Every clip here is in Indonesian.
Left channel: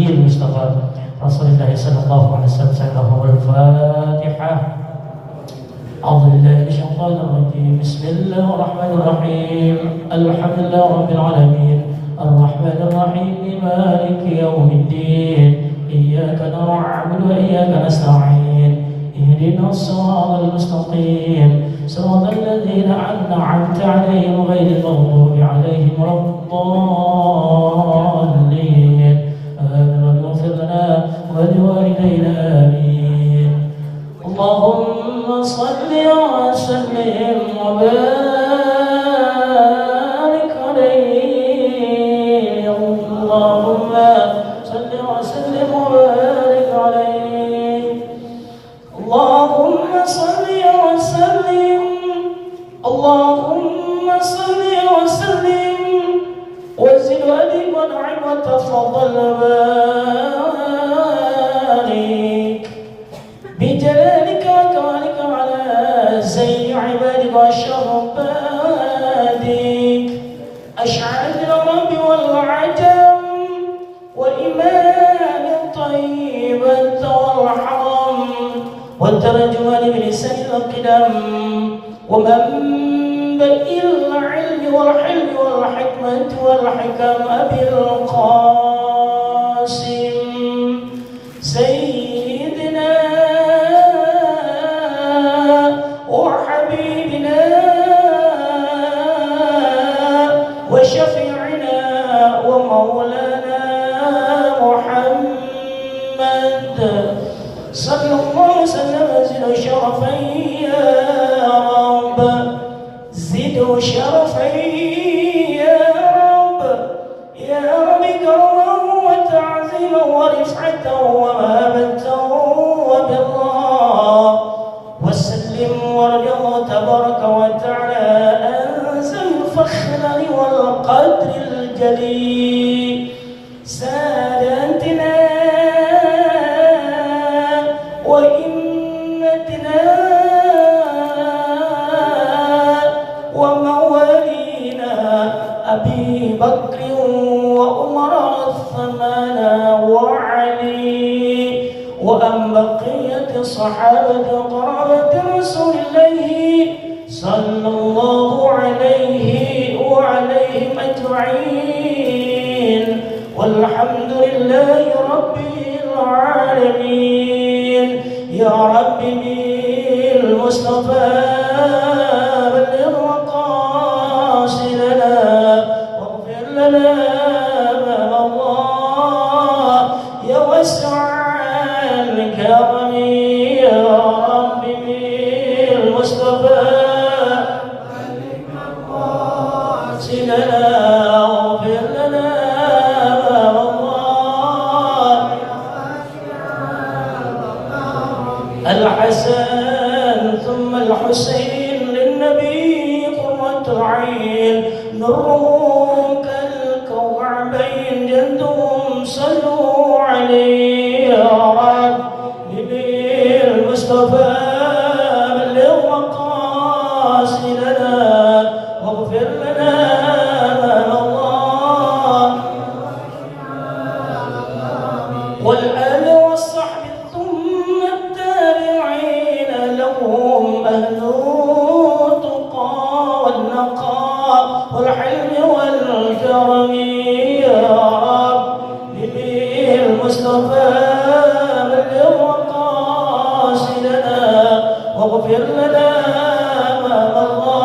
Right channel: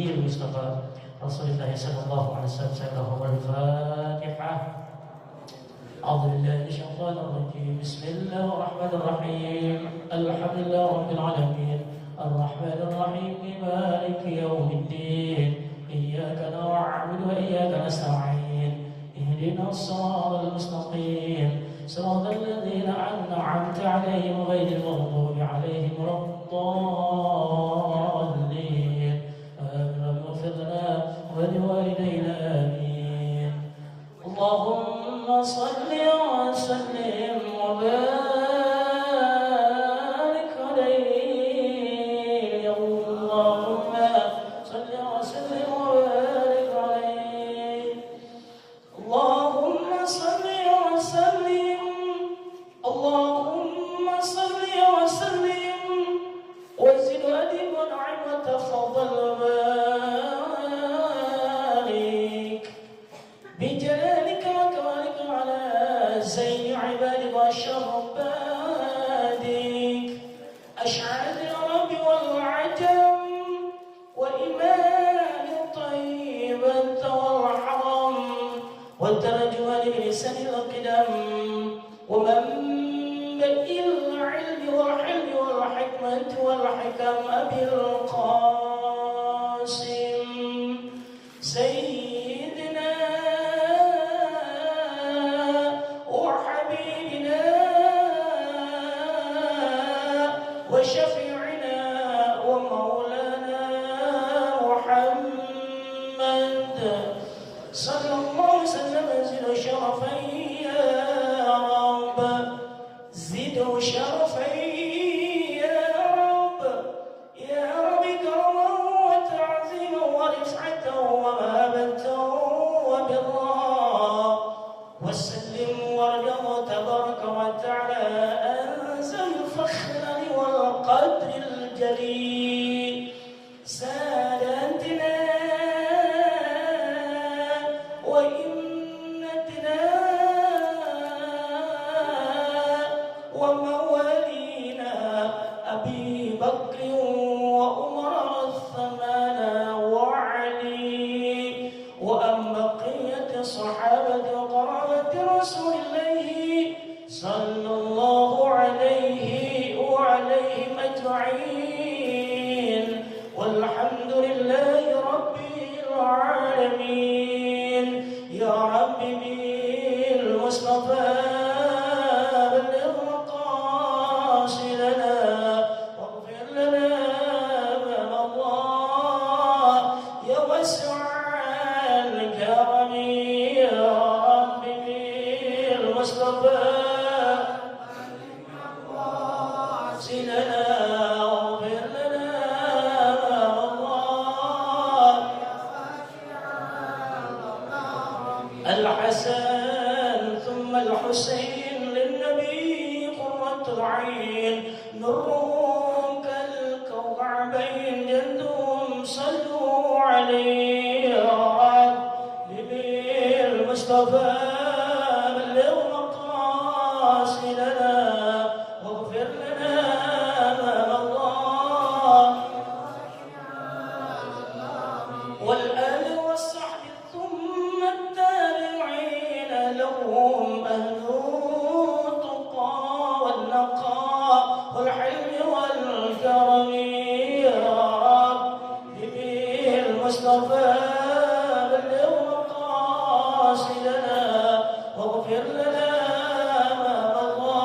النبي المصطفى رسول الله صلى الله عليه وسلم. الفاتحة. أعوذ بالله من الشيطان الرجيم. بسم الله الرحمن الرحيم. الحمد لله رب العالمين الرحمن الرحيم مالك يوم الدين إياك نعبد وإياك نستعين اهدنا الصراط المستقيم صراط الذين أنعمت عليهم غير المغضوب عليهم ولا الضالين. آمين. واغفر لنا ولوالدينا آمين. اللهم صل وسلم وبارك عليه. اللهم صل وسلم وبارك عليه. اللهم صل وسلم. اللهم صل وسلم وزد وأدم وانعم وتفضل وبارك بجلالك وكرمك على زين عبادك وأشرف عبادك أشعل العرب والعجم وإمام الطيب والحرم والترجمان بلسان القدم ومنبئ العلم والحلم والحكمة والحكم أبي القاسم سيدنا وحبيبنا وشفيعنا ومولانا محمد صلى الله وسلم. زد شرفا يا رب زد شرفا يا رب يا رب كرما وتعظيما ورفعة ومهابة وبرا وسلم وارجع تبارك وتعالى أنزل الفخر والقدر الجليل ساداتنا وإمتنا وموالينا أبي بكر وعمر وعثمان وعلي وأن بقية الصحابة وقرابة رسول الله صلى الله عليه وعليهم أجمعين والحمد لله رب العالمين. يا رب بالمصطفى بلغ مقاصدنا واغفر لنا ما الله يا واسع الكرم. يا رب بالمصطفى بلغ مقاصدنا واغفر لنا ما الله. الحسن ثم الحسين للنبي قرة العين نورهم كالكوكبين جدهم صلوا عليه. يا رب بالمصطفى بلغ مقاصدنا واغفر لنا ما الله. والآل والصحب ثم التابعين لهم أهل التقى والنقاء والحلم والكرم. يا رب بالمصطفى بلغ مقاصدنا واغفر لنا ما مضى.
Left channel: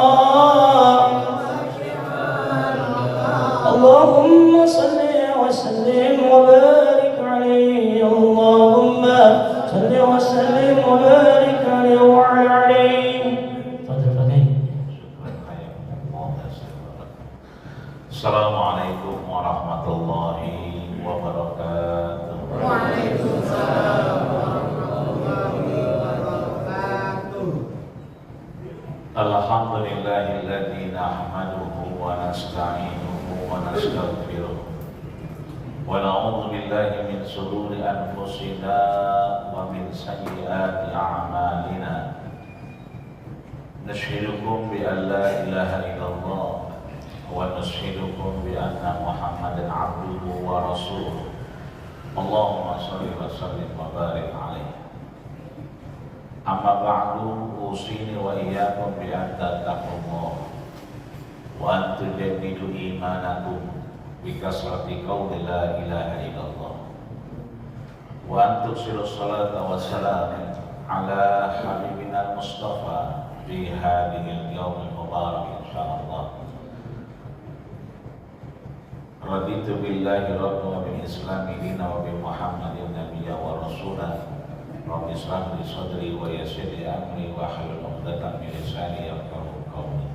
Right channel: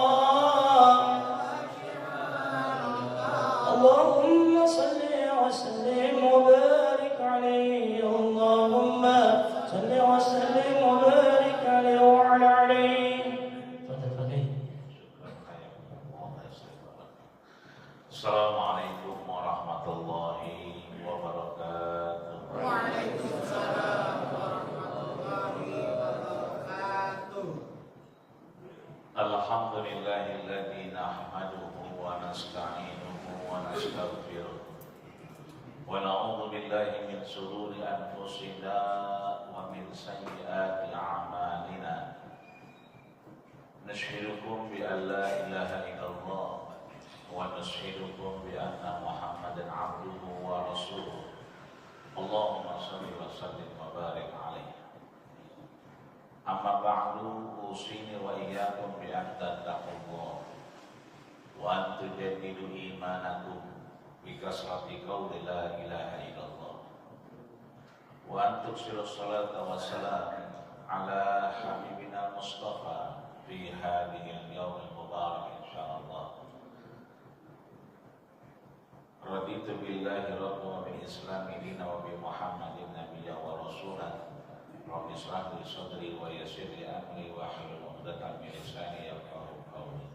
اللهم صل وسلم وبارك عليه. اللهم صل وسلم وبارك عليه وعلى عليه. Assalamualaikum warahmatullahi wabarakatuh. Waalaikumsalam warahmatullahi wabarakatuh. Alhamdulillahilladzi nahmaduhu wa nasta'inuhu wa nastaghfiruh wa na'udzu billahi min shururi anfusina wa min sayyiati a'malina. Nashhidukum bi an la ilaha illallah wa nashhidukum bi anna Muhammadan abduhu wa rasuluh. Allahumma shalli wa sallim wa barik alaihi. Amma ba'du, usini wa iyyakum bi an tattaqullah wa an tujaddidu imanakum bi kasrati qawli la ilaha illallah wa an tuksiru salata wa salam ala habibina al-mustafa fi hadhihi al-yawm al-mubarak insyaallah. Raditu billahi rabban wa bil islami dinan wa bi Muhammadin nabiyyan wa rasulan. Rabbi shrah li sadri wa yassir li amri wa hlul 'uqdatam min lisani yafqahu qawli.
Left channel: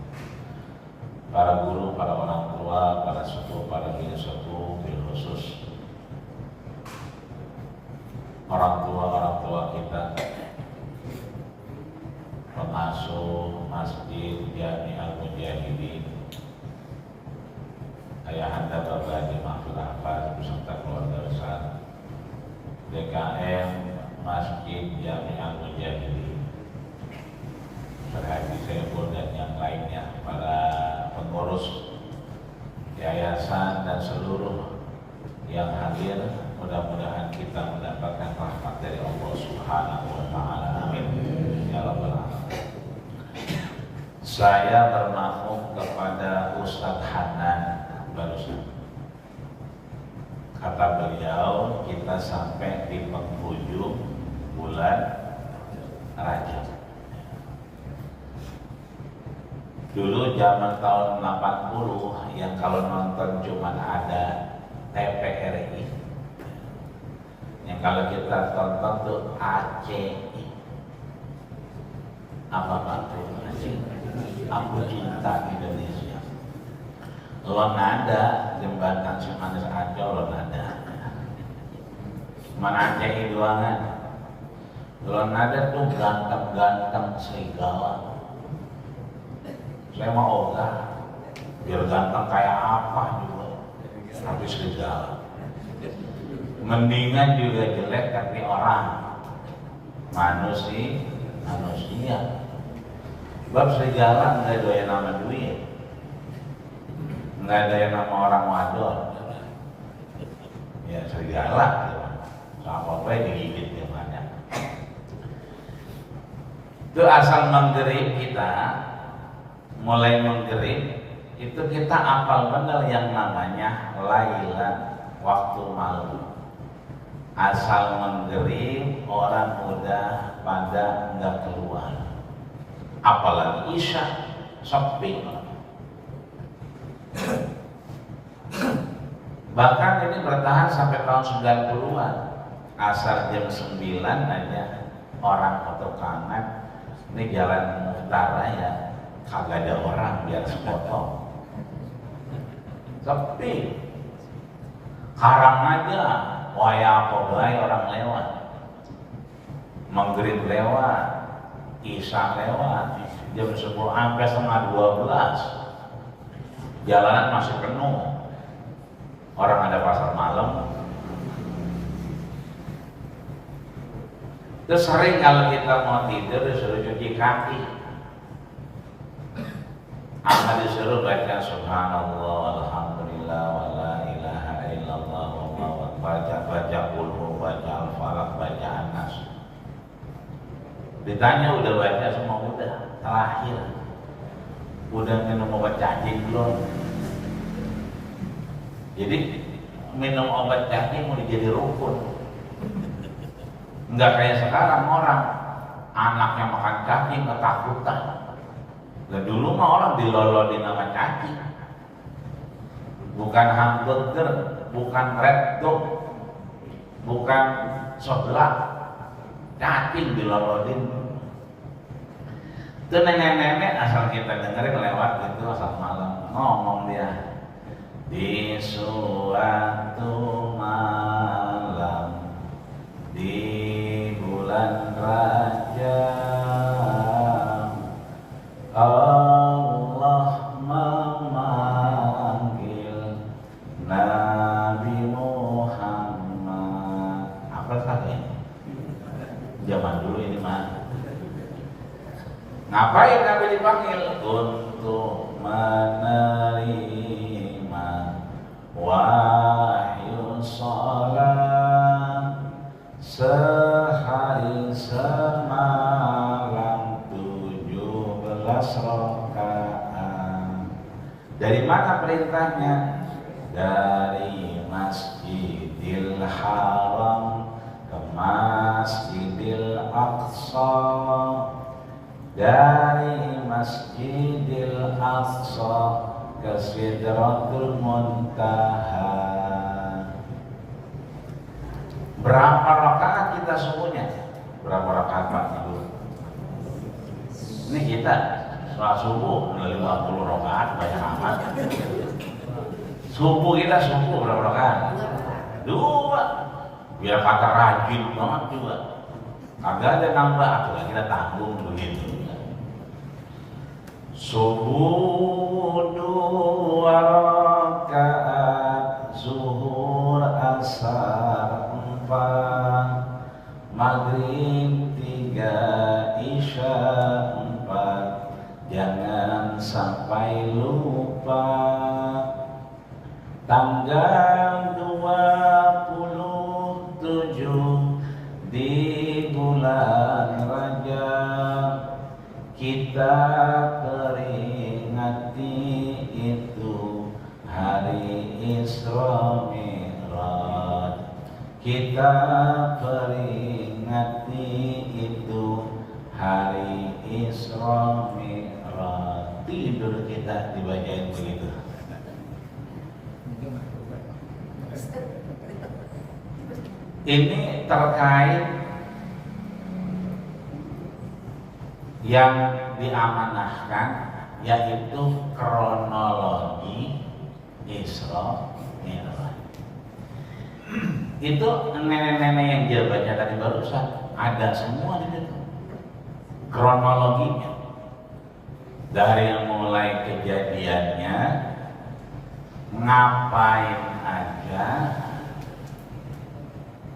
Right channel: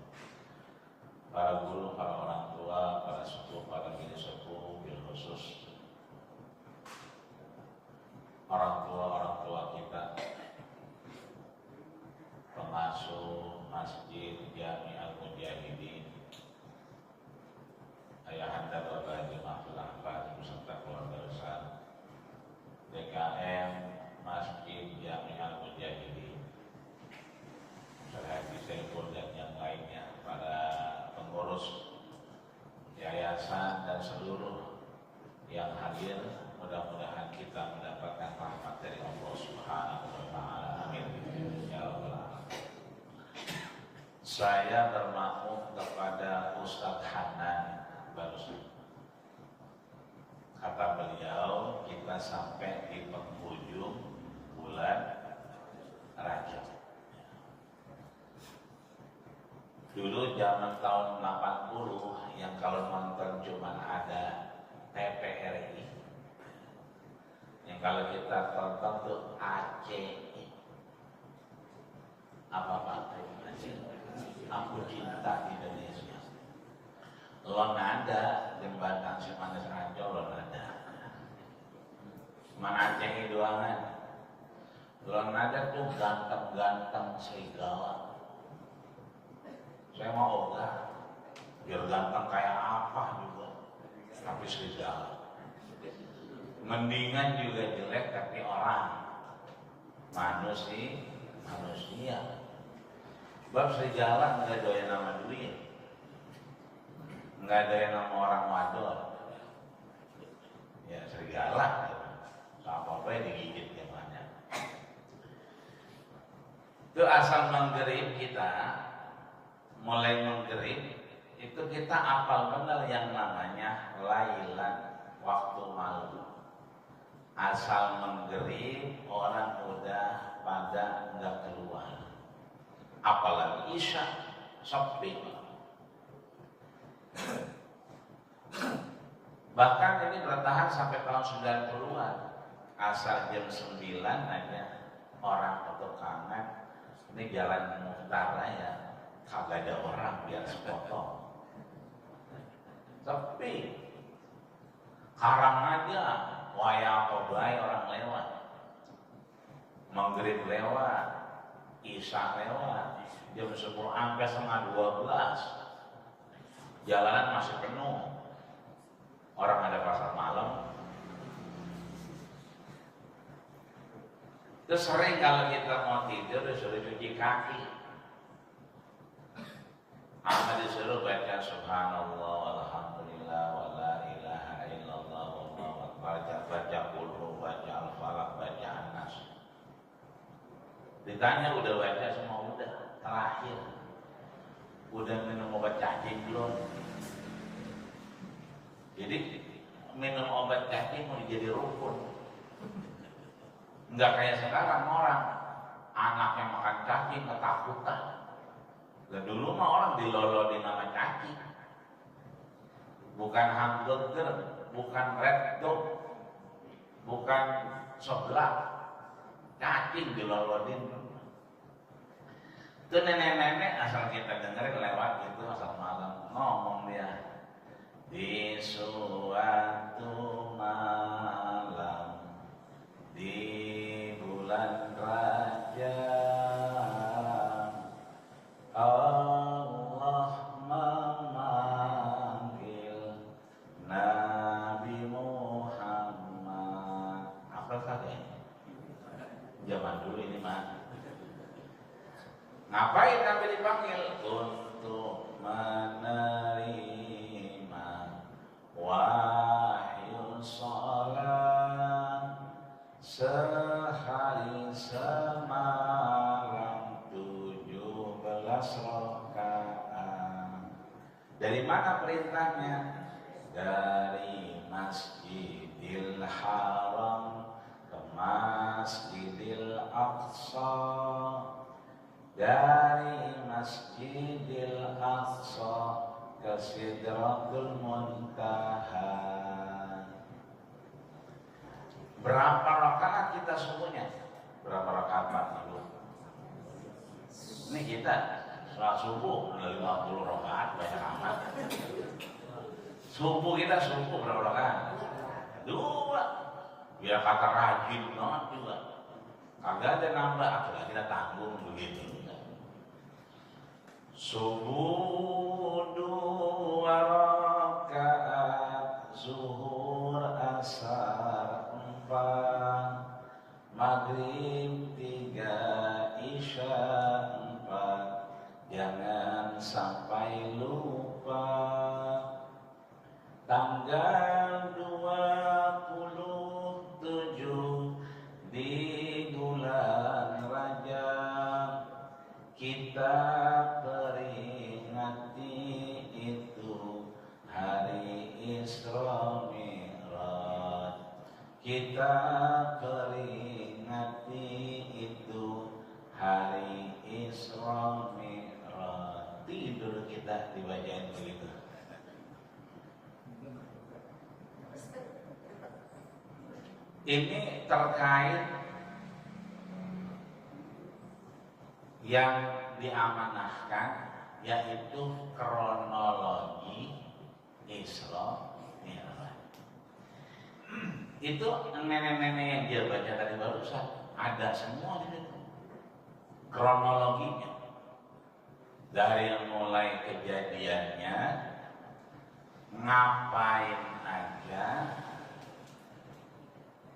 Para guru, para orang tua, para sepuh, para bini sepuh, bil khusus orang tua kita, pengasuh Masjid Jami Al-Mujahidin, ayahanda Bapak Haji Mahfud Ahmad beserta keluarga besar, DKM Masjid Jami Al-Mujahidin, Haji Saiful dan yang lainnya, para pengurus yayasan dan seluruh yang hadir, mudah-mudahan kita mendapatkan rahmat dari Allah Subhanahu wa Ta'ala. Amin ya rabbal alamin. Saya bermakmum kepada Ustadz Hanan barusan. Kata beliau, kita sampai di penghujung bulan Rajab. Dulu zaman tahun 80 yang kalau nonton cuma ada TVRI, yang kalau kita tonton tuh ACI, apa itu? Aku Cinta Indonesia. Lonada jembatan Cimanggis Ancol, Lonada. Mana ACI doangan. Lonada tuh ganteng-ganteng serigala. Saya mau ogah, biar ganteng kayak apa juga, tapi serigala. Mendingan juga jelek tapi orang, manusia. Sebab serigala nggak doyan nama duit, nggak doyan nama orang wadon. Ya serigala, sama apa digigit dia banyak. Itu asal menggerib kita. Mulai menggerib itu kita apal benar yang namanya lailan, waktu malam. Asal menggerib orang udah pada nggak keluar, apalagi isya sepi. Bahkan ini bertahan sampai tahun 90-an. Asal jam 9 aja orang ketukangan, ini jalan utara ya, kagak ada orang biar sepotong, sepi. Karang aja, waya kodai orang lewat, maghrib lewat, isya lewat, jam 10 sampai setengah 12, jalanan masih penuh, orang ada pasar malam. Terus sering kalau kita mau tidur disuruh cuci kaki. Amal disuruh baca subhanallah, alhamdulillah, wa la ilaha illallah, wallahu akbar, baca qul baca al-falaq, baca an-nas. Ditanya udah baca semua, udah terakhir. Udah minum obat cacing belum? Jadi minum obat cacing mau jadi rukun. Enggak kayak sekarang orang anaknya makan cacing ketakutan. Nah, dulu mah orang dilolodin nama cacing, bukan hamburger, bukan red dog, bukan seblak, cacing dilolodin. Itu nenek-nenek asal kita dengerin lewat gitu, asal malam ngomong dia di suatu malam di bulan Rajab Allah memanggil Nabi Muhammad. Apa saja? Zaman dulu ini mah. Ngapain Nabi dipanggil? Untuk menerima wahyu salam sehari semalam 17 rakaat. Dari mana perintahnya? Dari Masjidil Haram ke Masjidil Aqsa, dari Masjidil Aqsa ke Sidratul Muntaha. Berapa rakaat kita subuhnya? Berapa rakaat Pak Ibu? Ini kita sholat subuh 50 rakaat, banyak amat. Subuh kita subuh berapa rakaat? 2. Biar kata rajin banget juga. Kagak ada nambah, atulah kita tanggung begitu. Subuh 2 rakaat, zuhur asar 4, maghrib 3, isya 4. Jangan sampai lupa. Tanggal 27 di bulan Rajab kita peringati itu hari Isra Mi'raj. Kita peringati itu hari Isra Mi'raj. Tidur kita dibacain begitu. Ini terkait yang diamanahkan, yaitu kronologi Isra Mi'raj. Itu nenek-nenek yang dia baca tadi barusan ada semua di situ kronologinya, dari yang mulai kejadiannya, ngapain aja,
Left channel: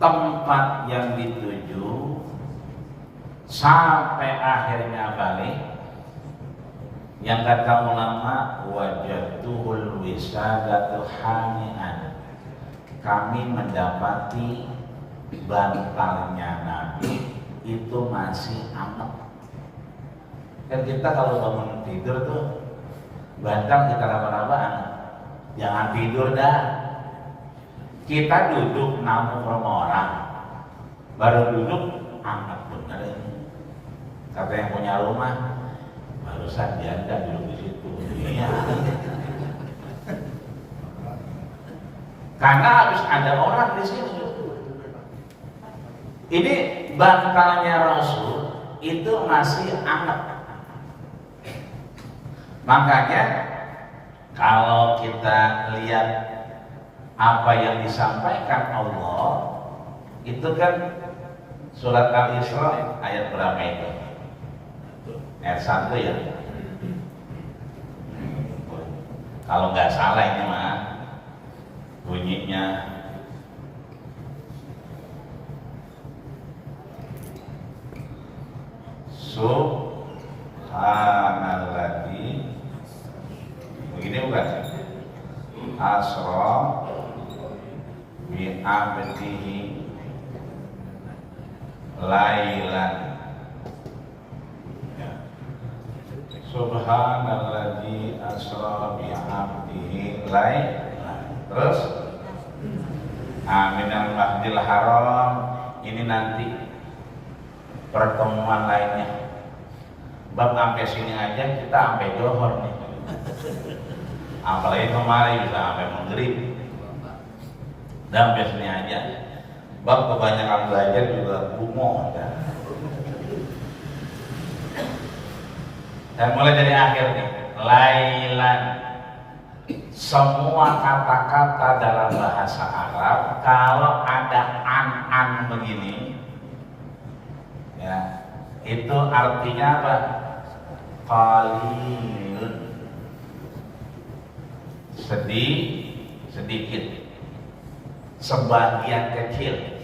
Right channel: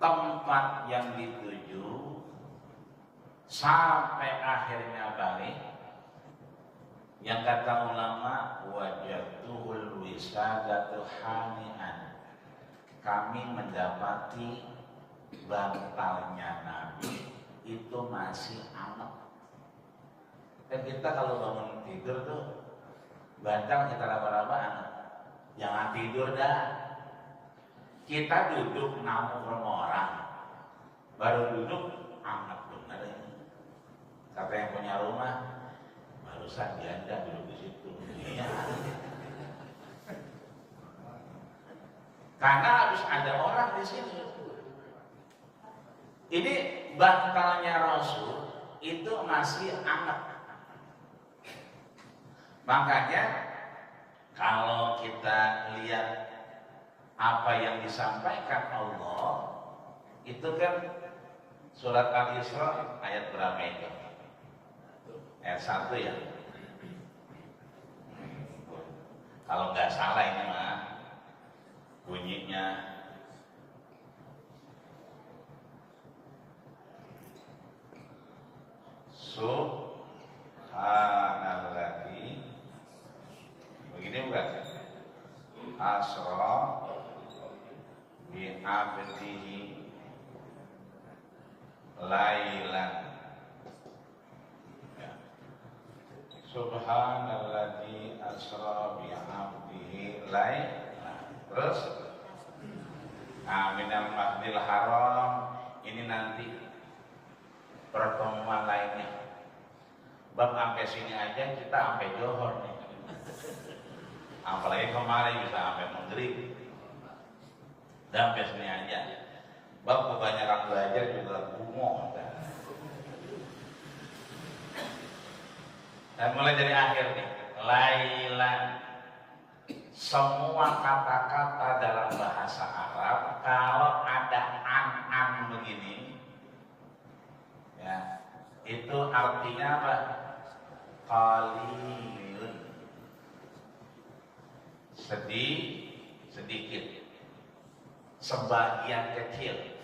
tempat yang dituju, sampai akhirnya balik. Yang kata ulama, wajatuhul wisadatu hani'an, kami mendapati bantalnya Nabi itu masih anget. Kan kita kalau bangun tidur tuh bantal kita raba-raba anget. Jangan tidur dah. Kita duduk namun rumah orang, baru duduk anget bener. Kata yang punya rumah, barusan janda duduk di situ. Iya. Karena harus ada orang di situ. Ini bantalnya Rasul itu masih anget. Makanya kalau kita lihat apa yang disampaikan Allah, itu kan surat Al-Isra ayat berapa itu? Ayat 1 ya. Kalau nggak salah ini mah bunyinya Subhanalladzi, begini bukan? Asra bi abdihi lailan. Ya. Subhanalladzi asra bi abdihi lailan. Terus minal masjidil haram, ini nanti pertemuan lainnya. Bab sampai sini aja kita sampai Johor nih. Apalagi kemarin bisa sampai maghrib. Dan sampai sini aja. Bab kebanyakan belajar juga gumoh. Dan mulai dari akhir nih, lailan. Semua kata-kata dalam bahasa Arab kalau ada an begini, ya, itu artinya apa? Qalilun, sedikit, sebagian kecil.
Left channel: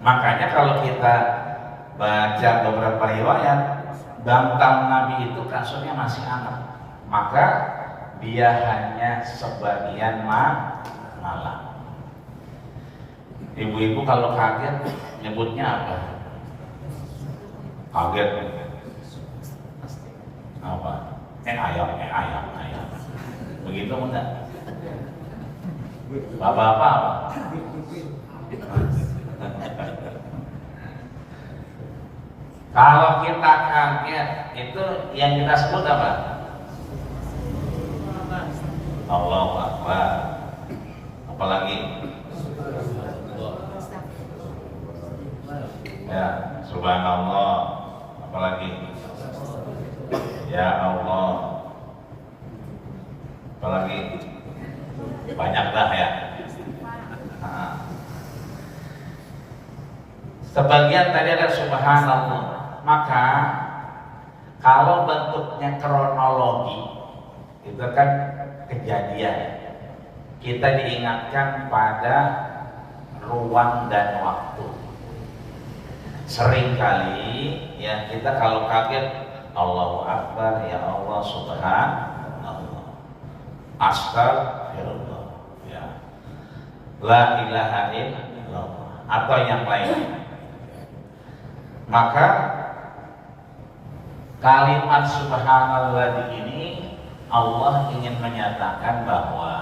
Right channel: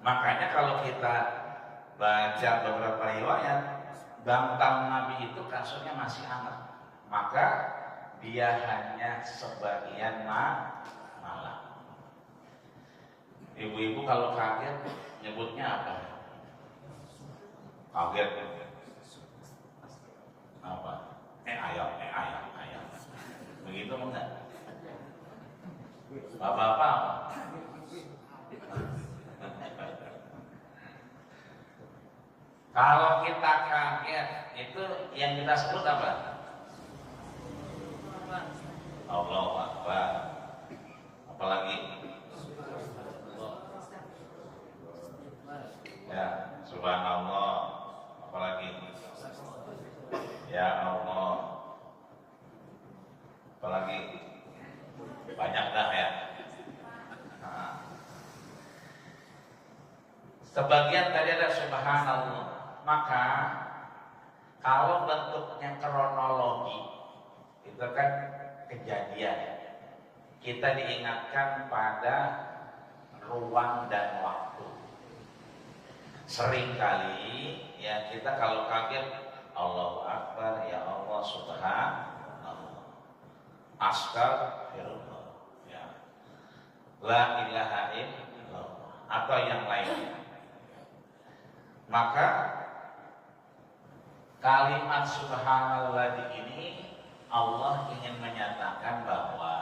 Makanya kalau kita baca beberapa riwayat, bantal Nabi itu kasurnya masih hangat, maka dia hanya sebagian malam. Ibu-ibu kalau kaget, nyebutnya apa? Kaget. Apa? Ayam. Begitu enggak? Bapak-bapak apa? Kalau kita kaget, itu yang kita sebut apa? Allahu Akbar. Apalagi? Ya, subhanallah. Apalagi? Ya Allah. Apalagi? Banyak dah ya. Nah. Sebagian tadi ada subhanallah. Maka kalau bentuknya kronologi itu kan kejadian, kita diingatkan pada ruang dan waktu. Seringkali ya kita kalau kaget Allahu Akbar, ya Allah subhanallah, astagfirullah, ya la ilaha illallah, atau yang lain. Maka kalimat subhanallah ini Allah ingin menyatakan bahwa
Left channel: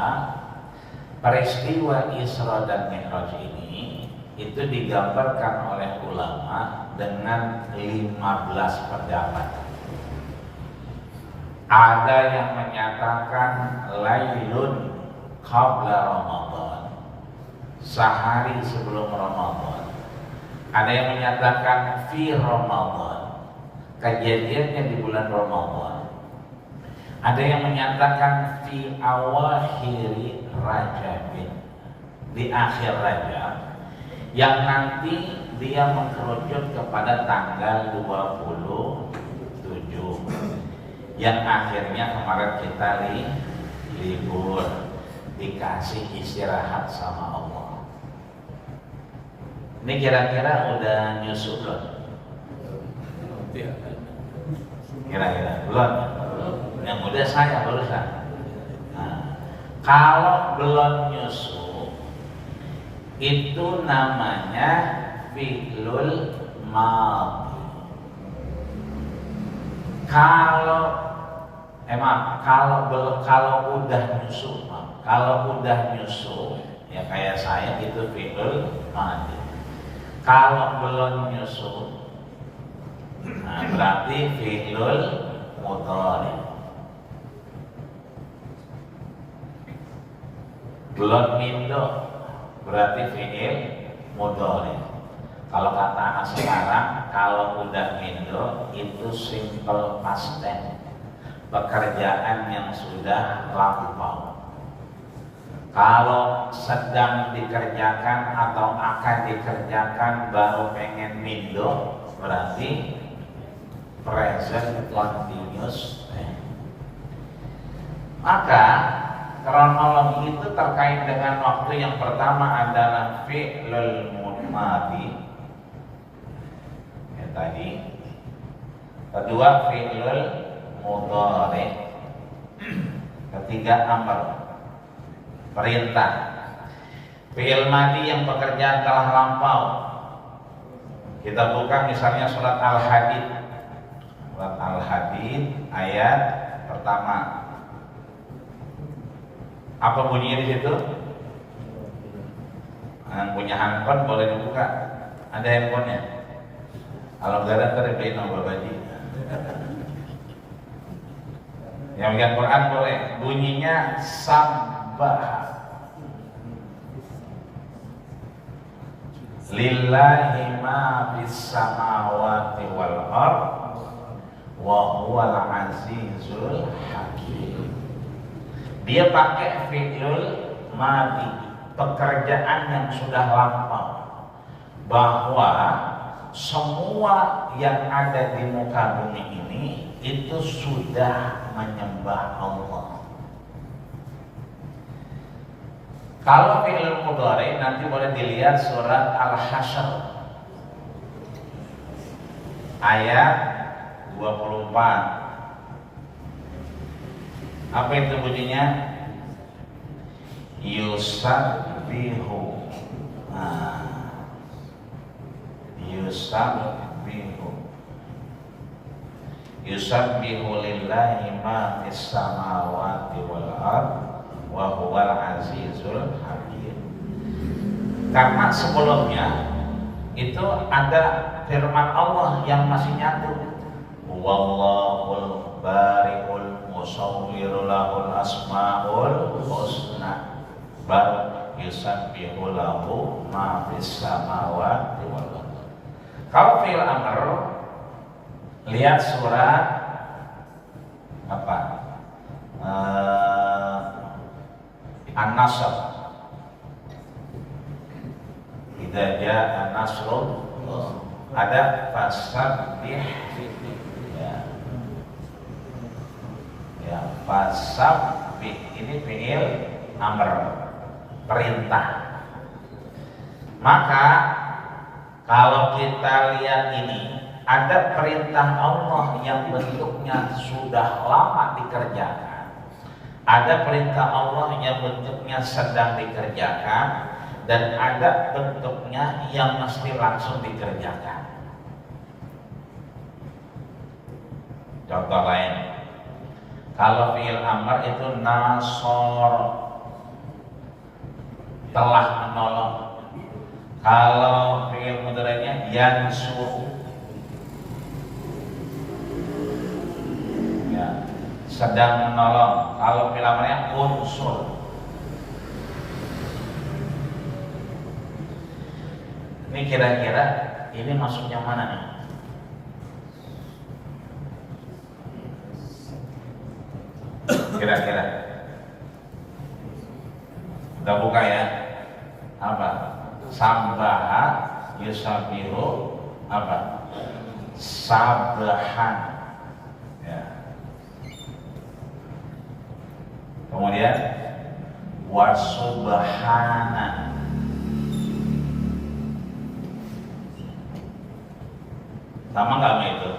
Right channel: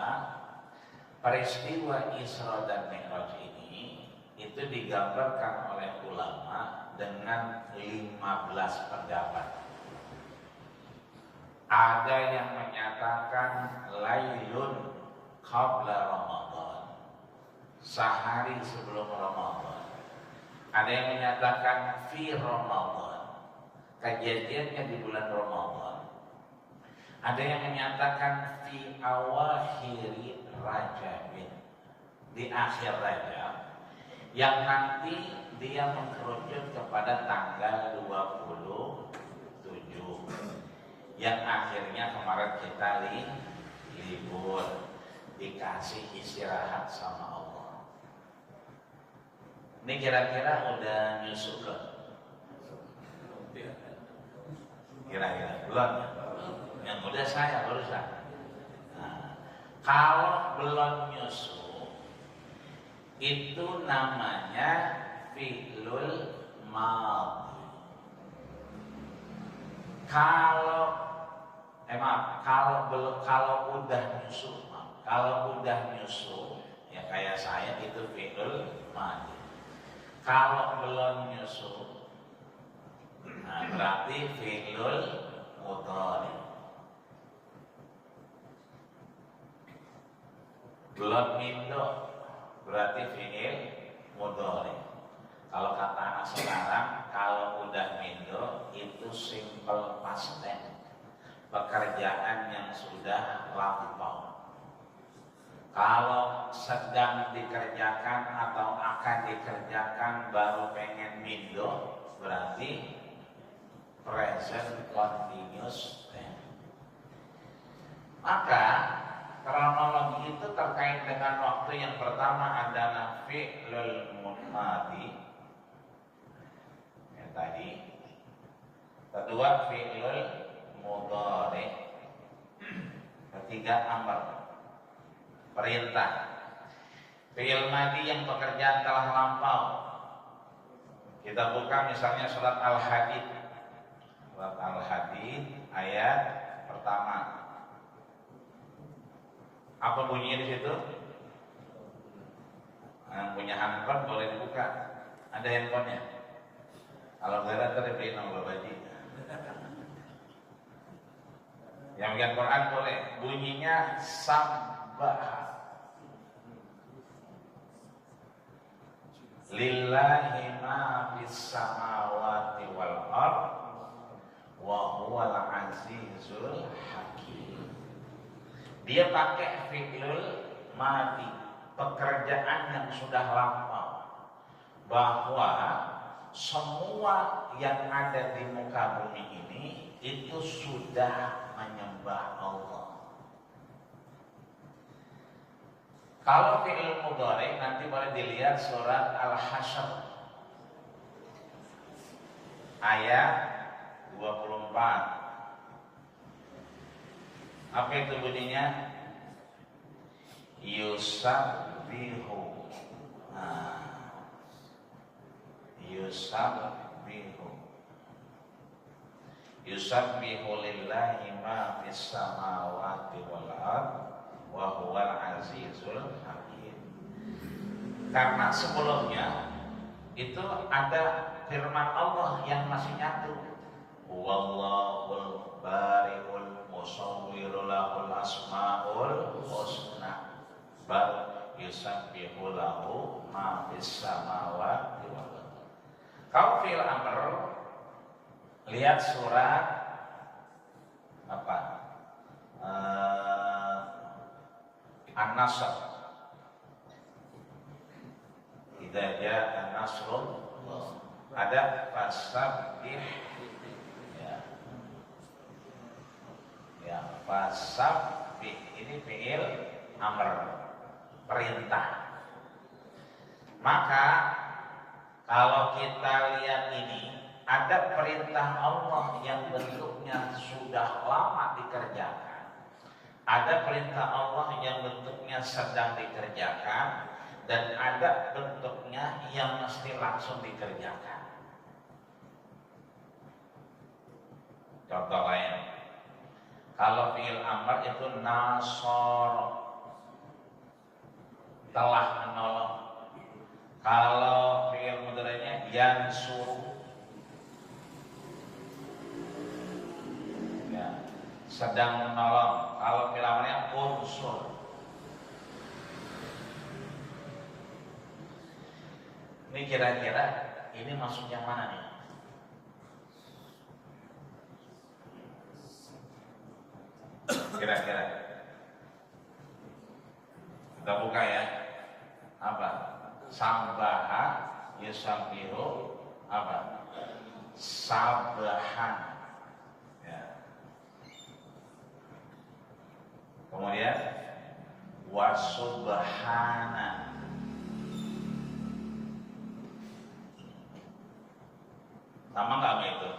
peristiwa Isra dan Mi'raj ini itu digambarkan oleh ulama dengan 15 pendapat. Ada yang menyatakan lailun qabla Ramadan, sehari sebelum Ramadan. Ada yang menyatakan fi Ramadan, kejadiannya di bulan Ramadan. Ada yang menyatakan fi awakhiri Rajabin, di akhir Rajab, yang nanti dia mengkerucut kepada tanggal 27, yang akhirnya kemarin kita libur, dikasih istirahat sama Allah. Ini kira-kira udah nyusul belum? Kira-kira belum? Yang udah saya barusan. Nah, kalau belum nyusul, itu namanya fi'lul madhi. Kalau udah nyusul, ya kayak saya itu fi'lul madhi. Kalau belum nyusul, nah berarti fi'lul mudhari. Belum mindo berarti fi'il mudhari. Kalau kata anak sekarang, kalau udah mindo itu simple past tense, pekerjaan yang sudah lampau. Kalau sedang dikerjakan atau akan dikerjakan baru pengen mindo, berarti present continuous tense. Maka kronologi itu terkait dengan waktu. Yang pertama adalah fi'lul madhi, ya tadi. Kedua fi'lul mudhari. Ketiga amr, perintah. Fi'il madhi yang pekerjaan telah lampau. Kita buka misalnya surat Al-Hadid. Surat Al-Hadid ayat pertama. Apa bunyinya di situ? Yang punya handphone boleh dibuka. Ada handphonenya? Kalau nggak ada ntar beliin sama Babaji. Yang punya Quran boleh. Bunyinya Sabbah. Lillahi ma fis samawati wal ard wa huwal azizul hakim. Dia pakai fi'lul madhi, pekerjaan yang sudah lampau, bahwa semua yang ada di muka bumi ini itu sudah menyembah Allah. Kalau fi'lul mudhari nanti boleh dilihat surat Al-Hasyr ayat 24. Apa itu bunyinya? Yusabbihu. Yusabbihu lillahi ma fis samawati wal ard wa huwal azizul hakim. Karena sebelumnya itu ada firman Allah yang masih nyatu. Wallahul bari'ul musawwiru lahul asmaul husna bal yusabbihu lahu ma fis samawati wal ard. Kalau fi'il amr, lihat surat apa? An-Nasr. Idza jaa nasrullah, ada fasabbih, ya fasabbih, ini fi'il amr, perintah. Maka kalau kita lihat ini, ada perintah Allah yang bentuknya sudah lama dikerjakan, ada perintah Allah yang bentuknya sedang dikerjakan, dan ada bentuknya yang mesti langsung dikerjakan. Contoh lain, kalau fi'il amr itu nasor, telah menolong. Kalau fi'il mudhari'nya yansur, ya, sedang menolong. Kalau fi'il amrnya unsur. Ini kira-kira ini maksudnya mana nih? Kira-kira kita buka ya. Apa? Sambaha yusabihu apa? Sabahan, ya. Kemudian wasubhana, sama nggak sama itu?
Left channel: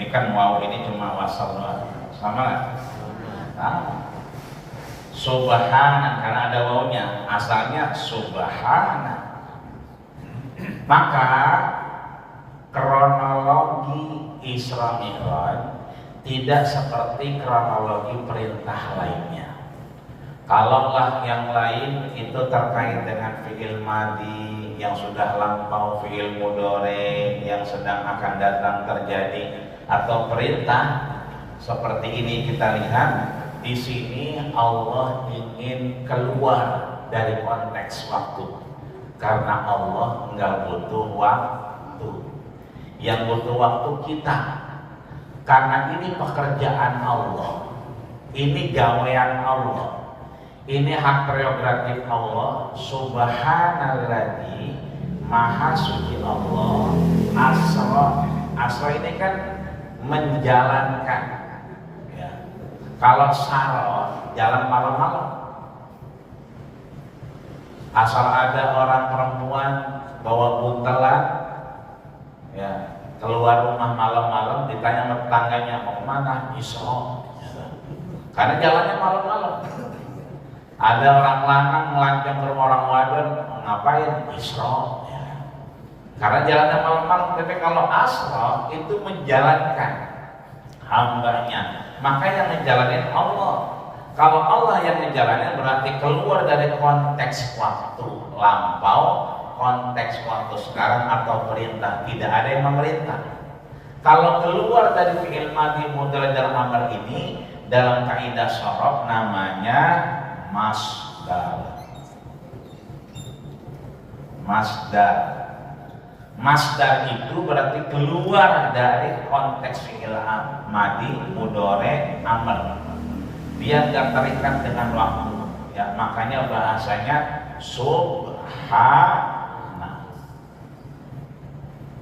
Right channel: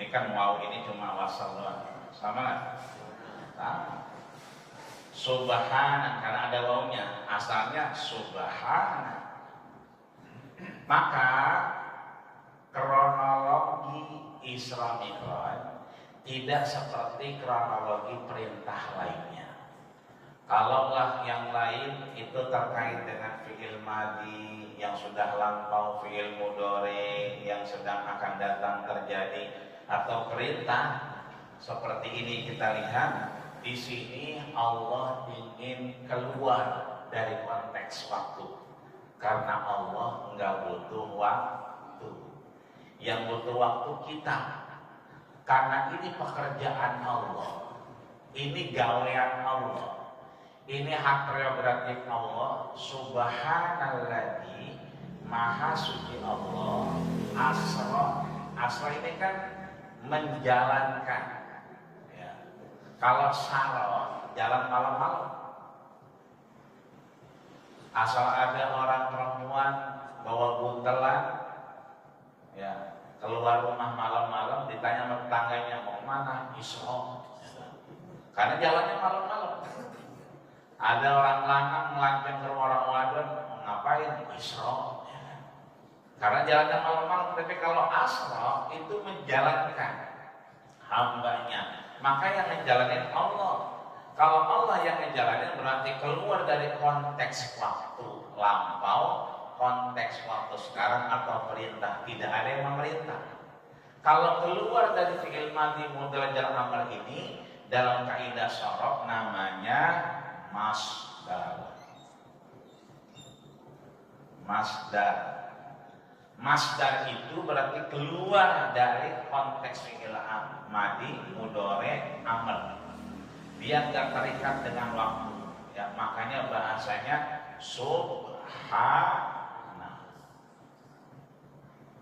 Ini kan waw ini cuma wasal doang, sama nggak? Sama. Subhana karena ada wawnya, asalnya subhana. Maka kronologi Isra Mi'raj tidak seperti kronologi perintah lainnya. Kalaulah yang lain itu terkait dengan fi'il madi yang sudah lampau, fi'il mudhari yang sedang akan datang terjadi, atau perintah seperti ini, kita lihat di sini Allah ingin keluar dari konteks waktu, karena Allah nggak butuh waktu. Yang butuh waktu kita, karena ini pekerjaan Allah, ini gawean Allah, ini hak prerogatif Allah. Subhanalladzi, maha suci Allah. Asra ini kan menjalankan, ya. Kalau saro, jalan malam-malam. Asal ada orang perempuan bawa buntelan, ya, keluar rumah malam-malam, ditanya sama tetangganya mau kemana, Isra, karena jalannya malam-malam. Ada orang lanang ngelancang ke rumah orang wadon, mau ngapain, Isra, ya. Karena jalannya malam-malam. Tapi kalau asra itu menjalankan hambanya, maka yang menjalankan Allah. Kalau Allah yang menjalankan berarti keluar dari konteks waktu lampau, konteks waktu sekarang, atau perintah. Tidak ada yang memerintah. Kalau keluar dari fi'il madhi mudhari dan amr ini, dalam kaidah sorof namanya masdar. Masdar itu berarti keluar dari konteks fi'il madhi mudhari amr. Dia tidak terikat dengan waktu, ya, makanya bahasanya subhana.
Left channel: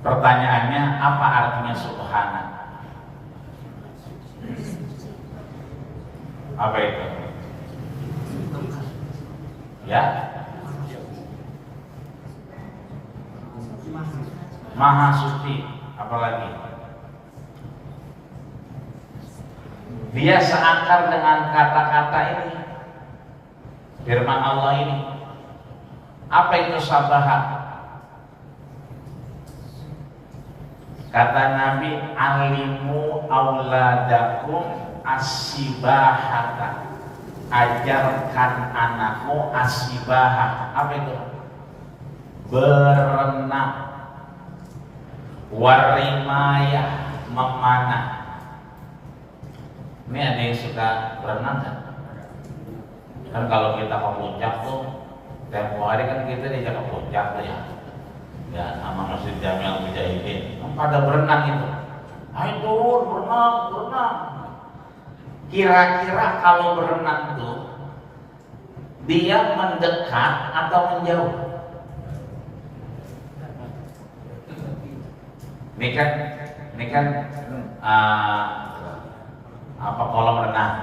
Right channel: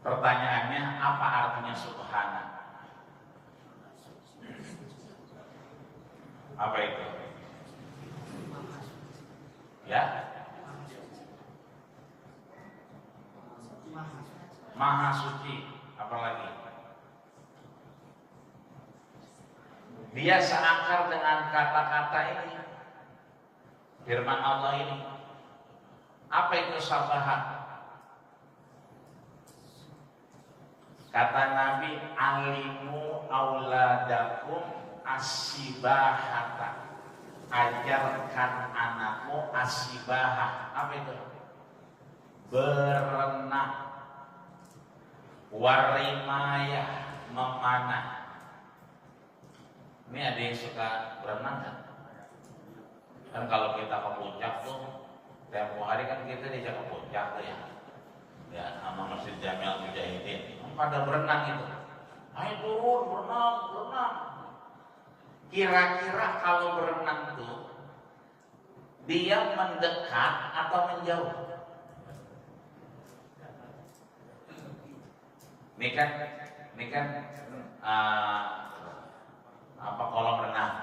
Pertanyaannya, apa artinya subhana? Apa itu? Ya, maha suci. Apalagi? Dia seakar dengan kata-kata ini, firman Allah ini. Apa itu sabaha? Kata Nabi, alimu auladakum asibahata. Ajarkan anakmu asibahah. Apa itu? Berenang. Warimayah, memanah. Ini ada yang suka berenang kan? Kan kalau kita ke puncak tuh, tempo hari kan kita diajak ke puncak tuh ya. Ya, sama Masjid Jami'al Mujahidin. Pada berenang itu. Ayo turun, berenang, berenang. Kira-kira kalau berenang tuh dia mendekat atau menjauh? Ini kan apa kolam renang.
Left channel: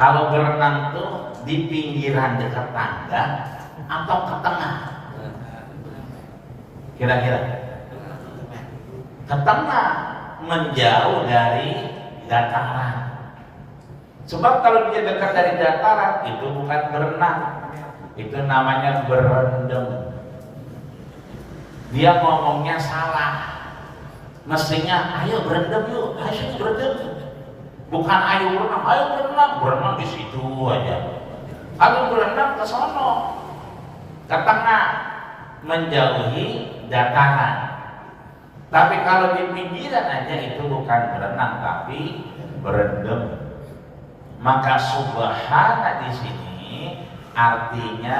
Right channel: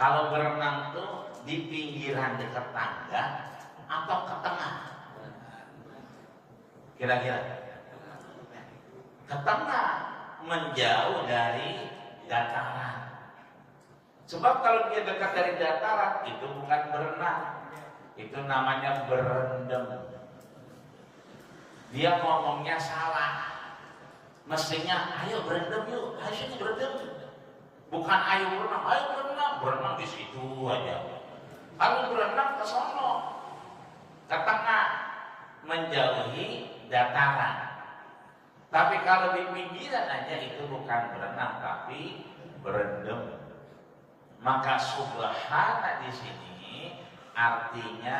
Kalau berenang tuh di pinggiran dekat tangga atau ke tengah? Kira-kira ke tengah, menjauh dari dataran. Sebab kalau dia dekat dari dataran itu bukan berenang, itu namanya berendam. Dia ngomongnya salah. Mestinya ayo berendam yuk, ayo berendam. Bukan ayo berenang, berenang di situ aja. Kalau berenang ke sono, ke tengah, menjauhi dataran. Tapi kalau di pinggiran aja itu bukan berenang tapi berendam. Maka subhana di sini artinya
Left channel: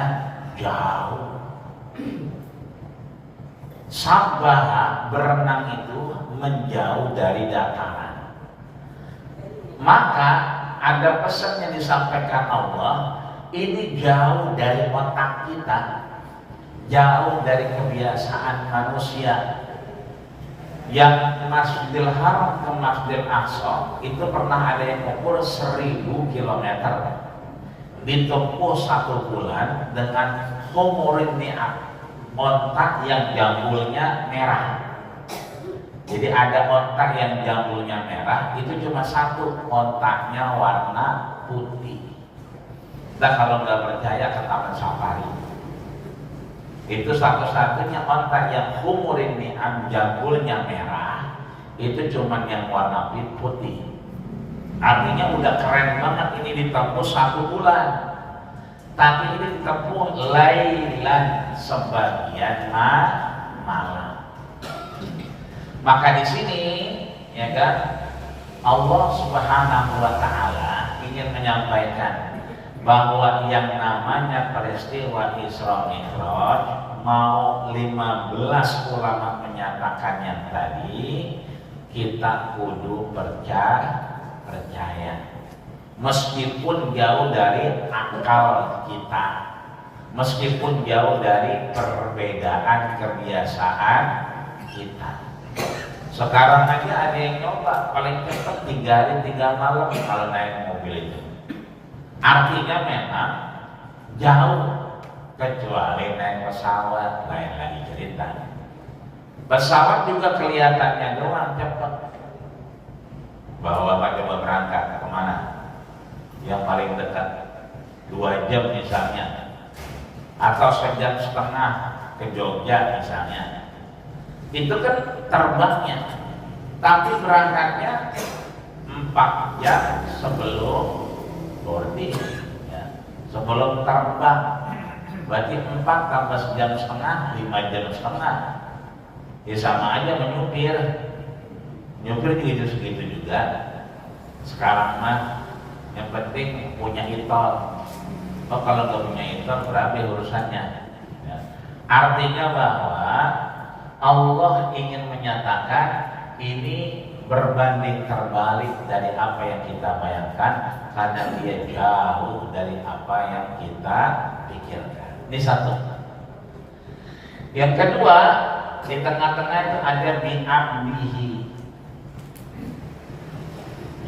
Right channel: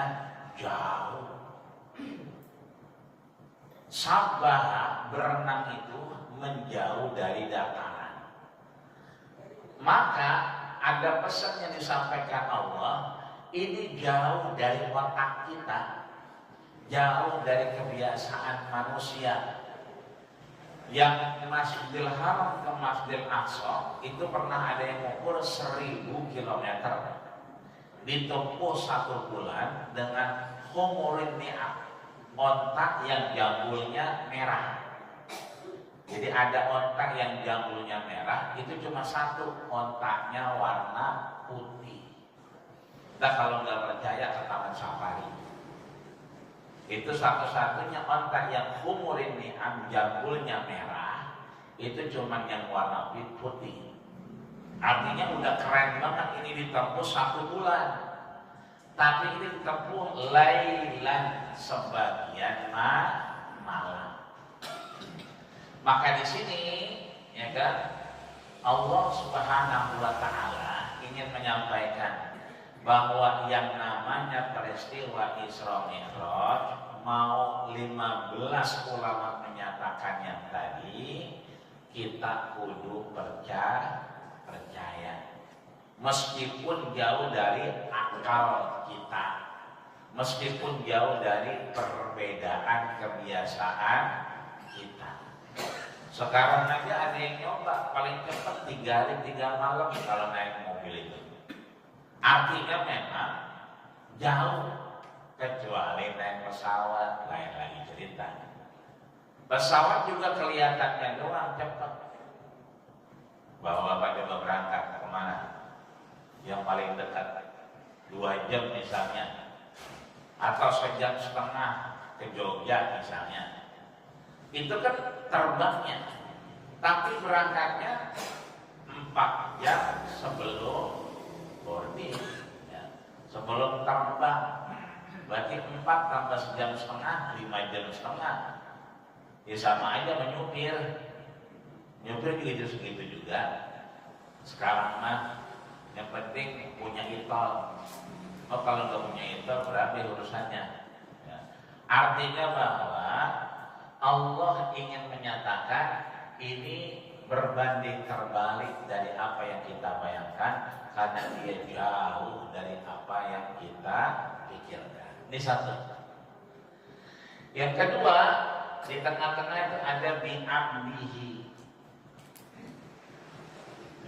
jauh. Sabbaha berenang itu menjauh dari dataran. Maka ada pesan yang disampaikan Allah, ini jauh dari otak kita, jauh dari kebiasaan manusia. Yang Masjidil Haram ke Masjidil Aqsa itu pernah ada yang ukur 1000 km, ditempuh 1 bulan dengan humurin ni'am, ontak yang jambulnya merah. Jadi ada ontak yang jambulnya merah, itu cuma 1, ontaknya warna putih. Nah kalau nggak percaya ke Taman Safari. Itu satu-satunya ontak yang humurin ni'am, jambulnya merah, itu cuma yang warna putih. Artinya udah keren banget, ini ditempuh 1 bulan. Tapi ini ditempuh lailan, sebagian malam. Maka di sini ya kan Allah Subhanahu wa taala ingin menyampaikan bahwa yang namanya peristiwa Isra Mi'raj, mau 15 ulama menyatakan yang tadi, kita kudu percaya meskipun jauh dari akal kita, meskipun jauh dari perbedaan kebiasaan kita. Sekarang aja ada yang nyoba paling cepat 3 hari 3 malam kalau naik mobil itu. Artinya memang jauh, kecuali naik pesawat, lain lagi cerita. Pesawat juga kelihatannya doang cepat. Bahwa Bapak coba berangkat kemana? Yang paling dekat 2 jam misalnya, atau 1,5 jam ke Jogja misalnya. Itu kan terbangnya, tapi berangkatnya 4 jam sebelum boarding, ya. Sebelum terbang, berarti 4 tambah 1,5 jam, 5,5 jam. Ya sama aja menyupir. Nyupir juga segitu juga. Sekarang mah yang penting punya itol. Oh kalau nggak punya itol berapa urusannya? Ya. Artinya bahwa Allah ingin menyatakan ini berbanding terbalik dari apa yang kita bayangkan, karena dia jauh dari apa yang kita pikirkan. Ini satu. Yang kedua, di tengah-tengah itu ada bi'abdihi.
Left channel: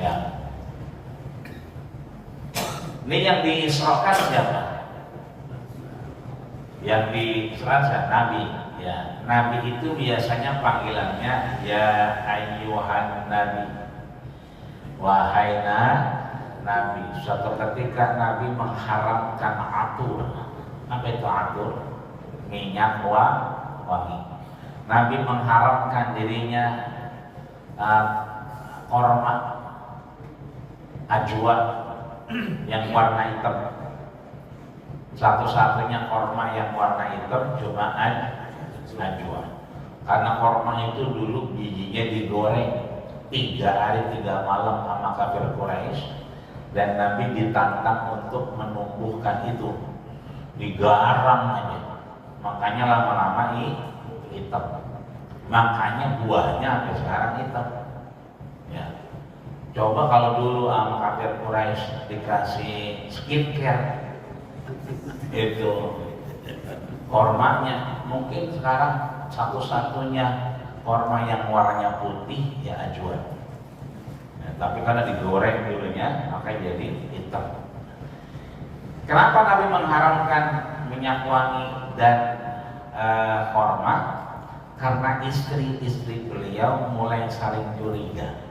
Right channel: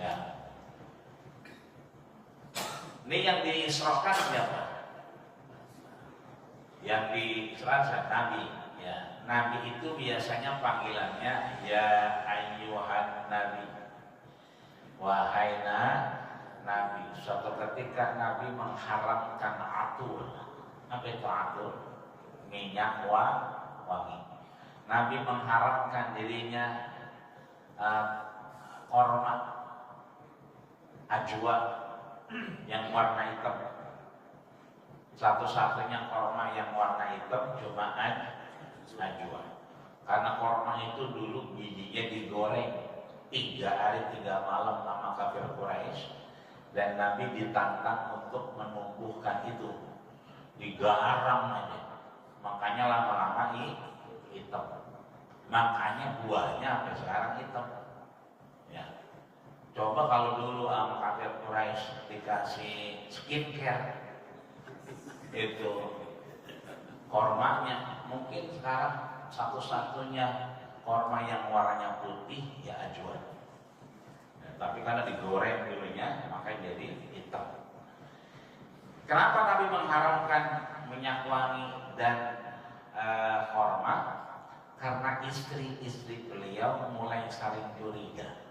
Ya. Ini yang diisrokan siapa? Yang diisrokan Nabi. Ya, Nabi itu biasanya panggilannya ya ayyuhan Nabi, wahai Nabi. Suatu ketika Nabi mengharamkan atur. Apa itu atur? Minyak wangi. Nabi mengharamkan dirinya korma ajwa yang warna hitam. Satu-satunya korma yang warna hitam cuma ajwa. Karena korma itu dulu bijinya digoreng 3 hari 3 malam sama kafir Quraisy, dan Nabi ditantang untuk menumbuhkan itu, digarang aja, makanya lama-lama hitam. Makanya buahnya sampai sekarang hitam. Ya. Coba kalau dulu sama kafir Quraisy dikasih skincare itu kormanya, mungkin sekarang satu-satunya korma yang warnanya putih ya ajwa. Ya, tapi karena digoreng dulunya maka jadi hitam. Kenapa Nabi mengharamkan minyak wangi dan korma? Karena istri-istri beliau mulai saling curiga.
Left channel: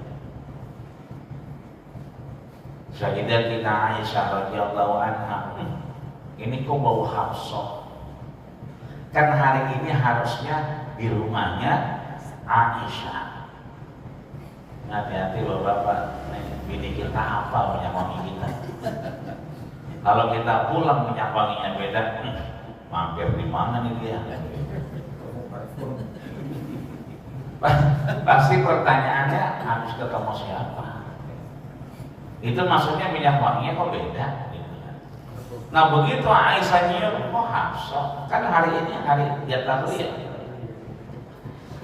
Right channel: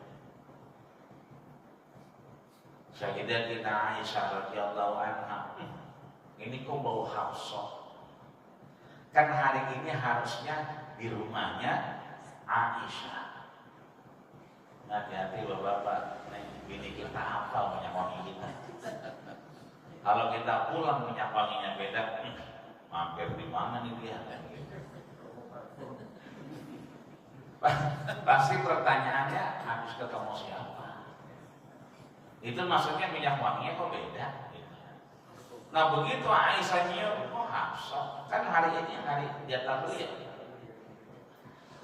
Sayyidatina Aisyah radhiyallahu anha, ini kok bau Hafsah? Kan hari ini harusnya di rumahnya Aisyah. Hati-hati loh Bapak, bini kita apa minyak wangi kita. Kalau kita pulang minyak wanginya beda, mampir di mana nih dia? Pasti pertanyaannya harus ketemu siapa? Itu maksudnya minyak wanginya kok beda? Nah begitu Aisyah nyium, oh Hafsah, kan hari ini hari dia tahu ya.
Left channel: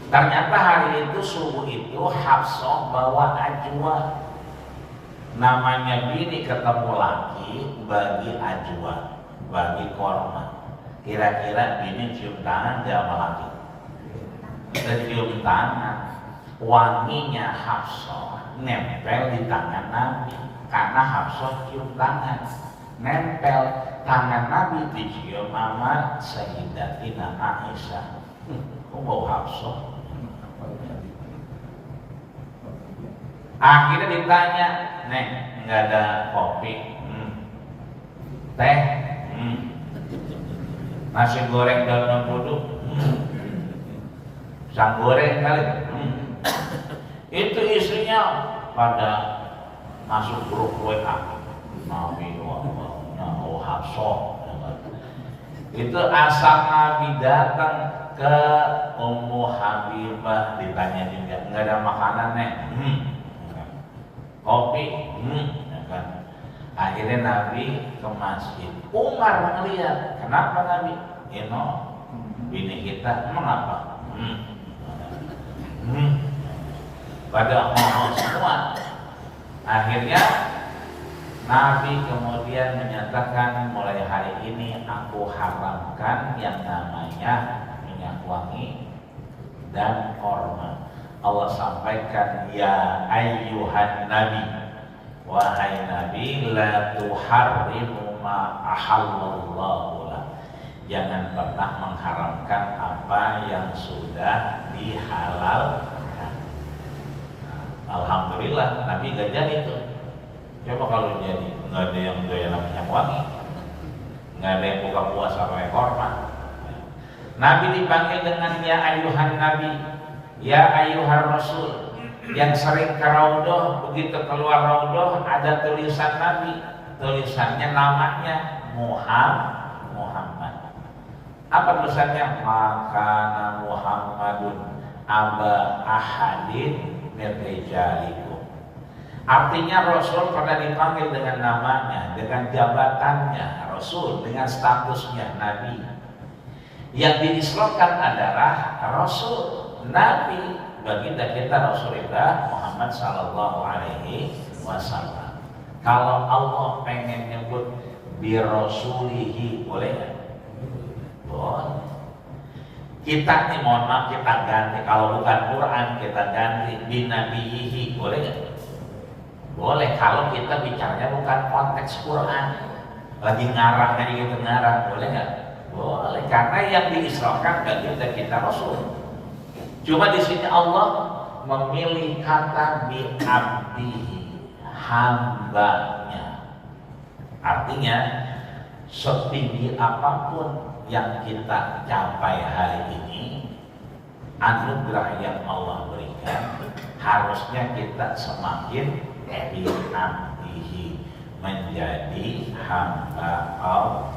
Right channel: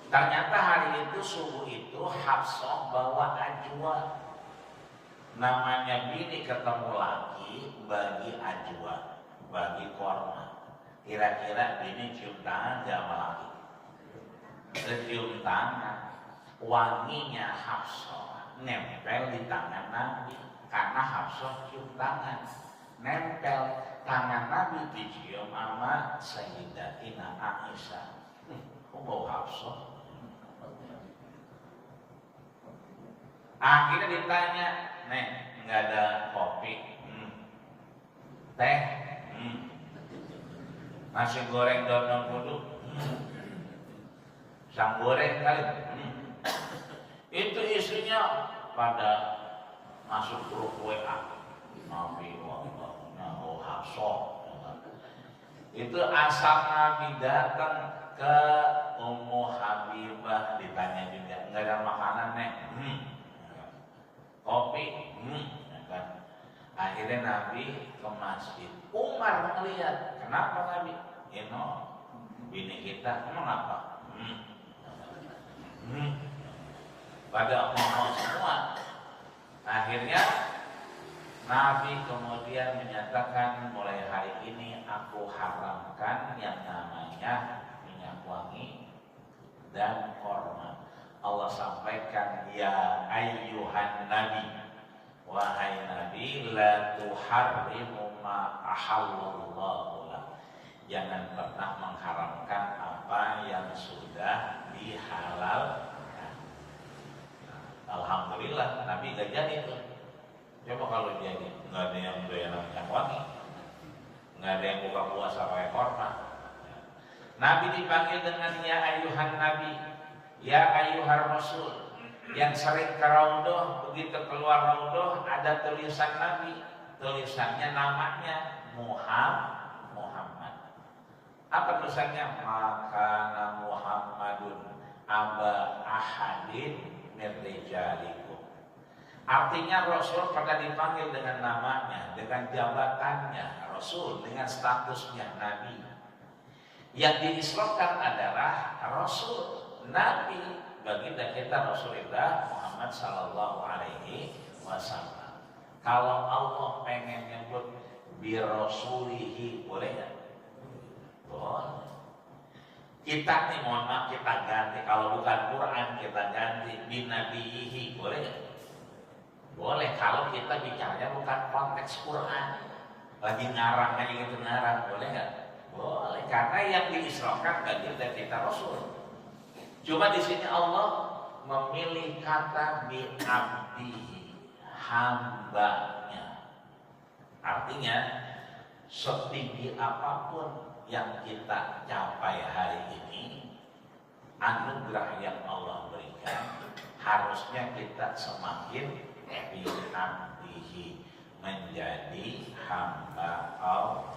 Ternyata hari itu subuh itu Hafsah bawa ajwa. Namanya bini ketemu laki bagi ajwa, bagi korma. Kira-kira bini cium tangan dia sama laki. Cium tangan, wanginya Hafsah nempel di tangan Nabi karena Hafsah cium tangan, nempel tangan Nabi dicium sama Sayyidatina Aisyah. Kok bau Hafsah? Akhirnya ditanya, Neng, nggak ada kopi, teh, nasi goreng dalam duduk, sang goreng kali, itu istrinya pada masuk grup WA, Nabi oh Hafsah. Itu asal Nabi datang ke Ummu Habibah ditanya juga, nggak ada makanan Neng, kopi, ya kan? Akhirnya Nabi ke masjid. Umar melihat, kenapa Nabi? Bini kita, emang apa? Pada ngomong semua. Akhirnya Nabi kemudian menyatakan, mulai hari ini aku haramkan yang namanya minyak wangi dan korma. Allah sampaikan, ya ayyuhan nabi, wahai nabi, la tuharrimu ma ahallallahu lak. Jangan pernah mengharamkan apa yang sudah dihalalkan. Alhamdulillah Nabi gak jadi tuh. Coba kalau jadi, nggak ada yang doyan minyak wangi, nggak ada yang buka puasa pakai korma. Nabi dipanggil dengan ya ayyuhan nabi, ya ayyuhar rasul. Yang sering ke raudhah, begitu keluar raudhah ada tulisan Nabi, tulisannya namanya Muhammad. Apa tulisannya? Makana Muhammadun aba ahadin min rijalikum. Artinya Rasul pada dipanggil dengan namanya, dengan jabatannya Rasul, dengan statusnya Nabi. Yang diislamkan adalah Rasul, Nabi. Baginda kita Rasulullah Muhammad Sallallahu Alaihi Wasallam. Kalau Allah pengen nyebut bi rasulihi, boleh nggak? Boleh. Kita nih mohon maaf kita ganti, kalau bukan Quran kita ganti bi nabiyihi, boleh nggak? Boleh kalau kita bicaranya bukan konteks Quran, lagi ngarang aja gitu ngarang, boleh nggak? Boleh, karena yang diislamkan baginda kita Rasul. Cuma di sini Allah memilih kata bi abdihi, hambanya. Artinya setinggi apapun yang kita capai hari ini, anugerah yang Allah berikan, harusnya kita semakin diabdihi, menjadi hamba Allah.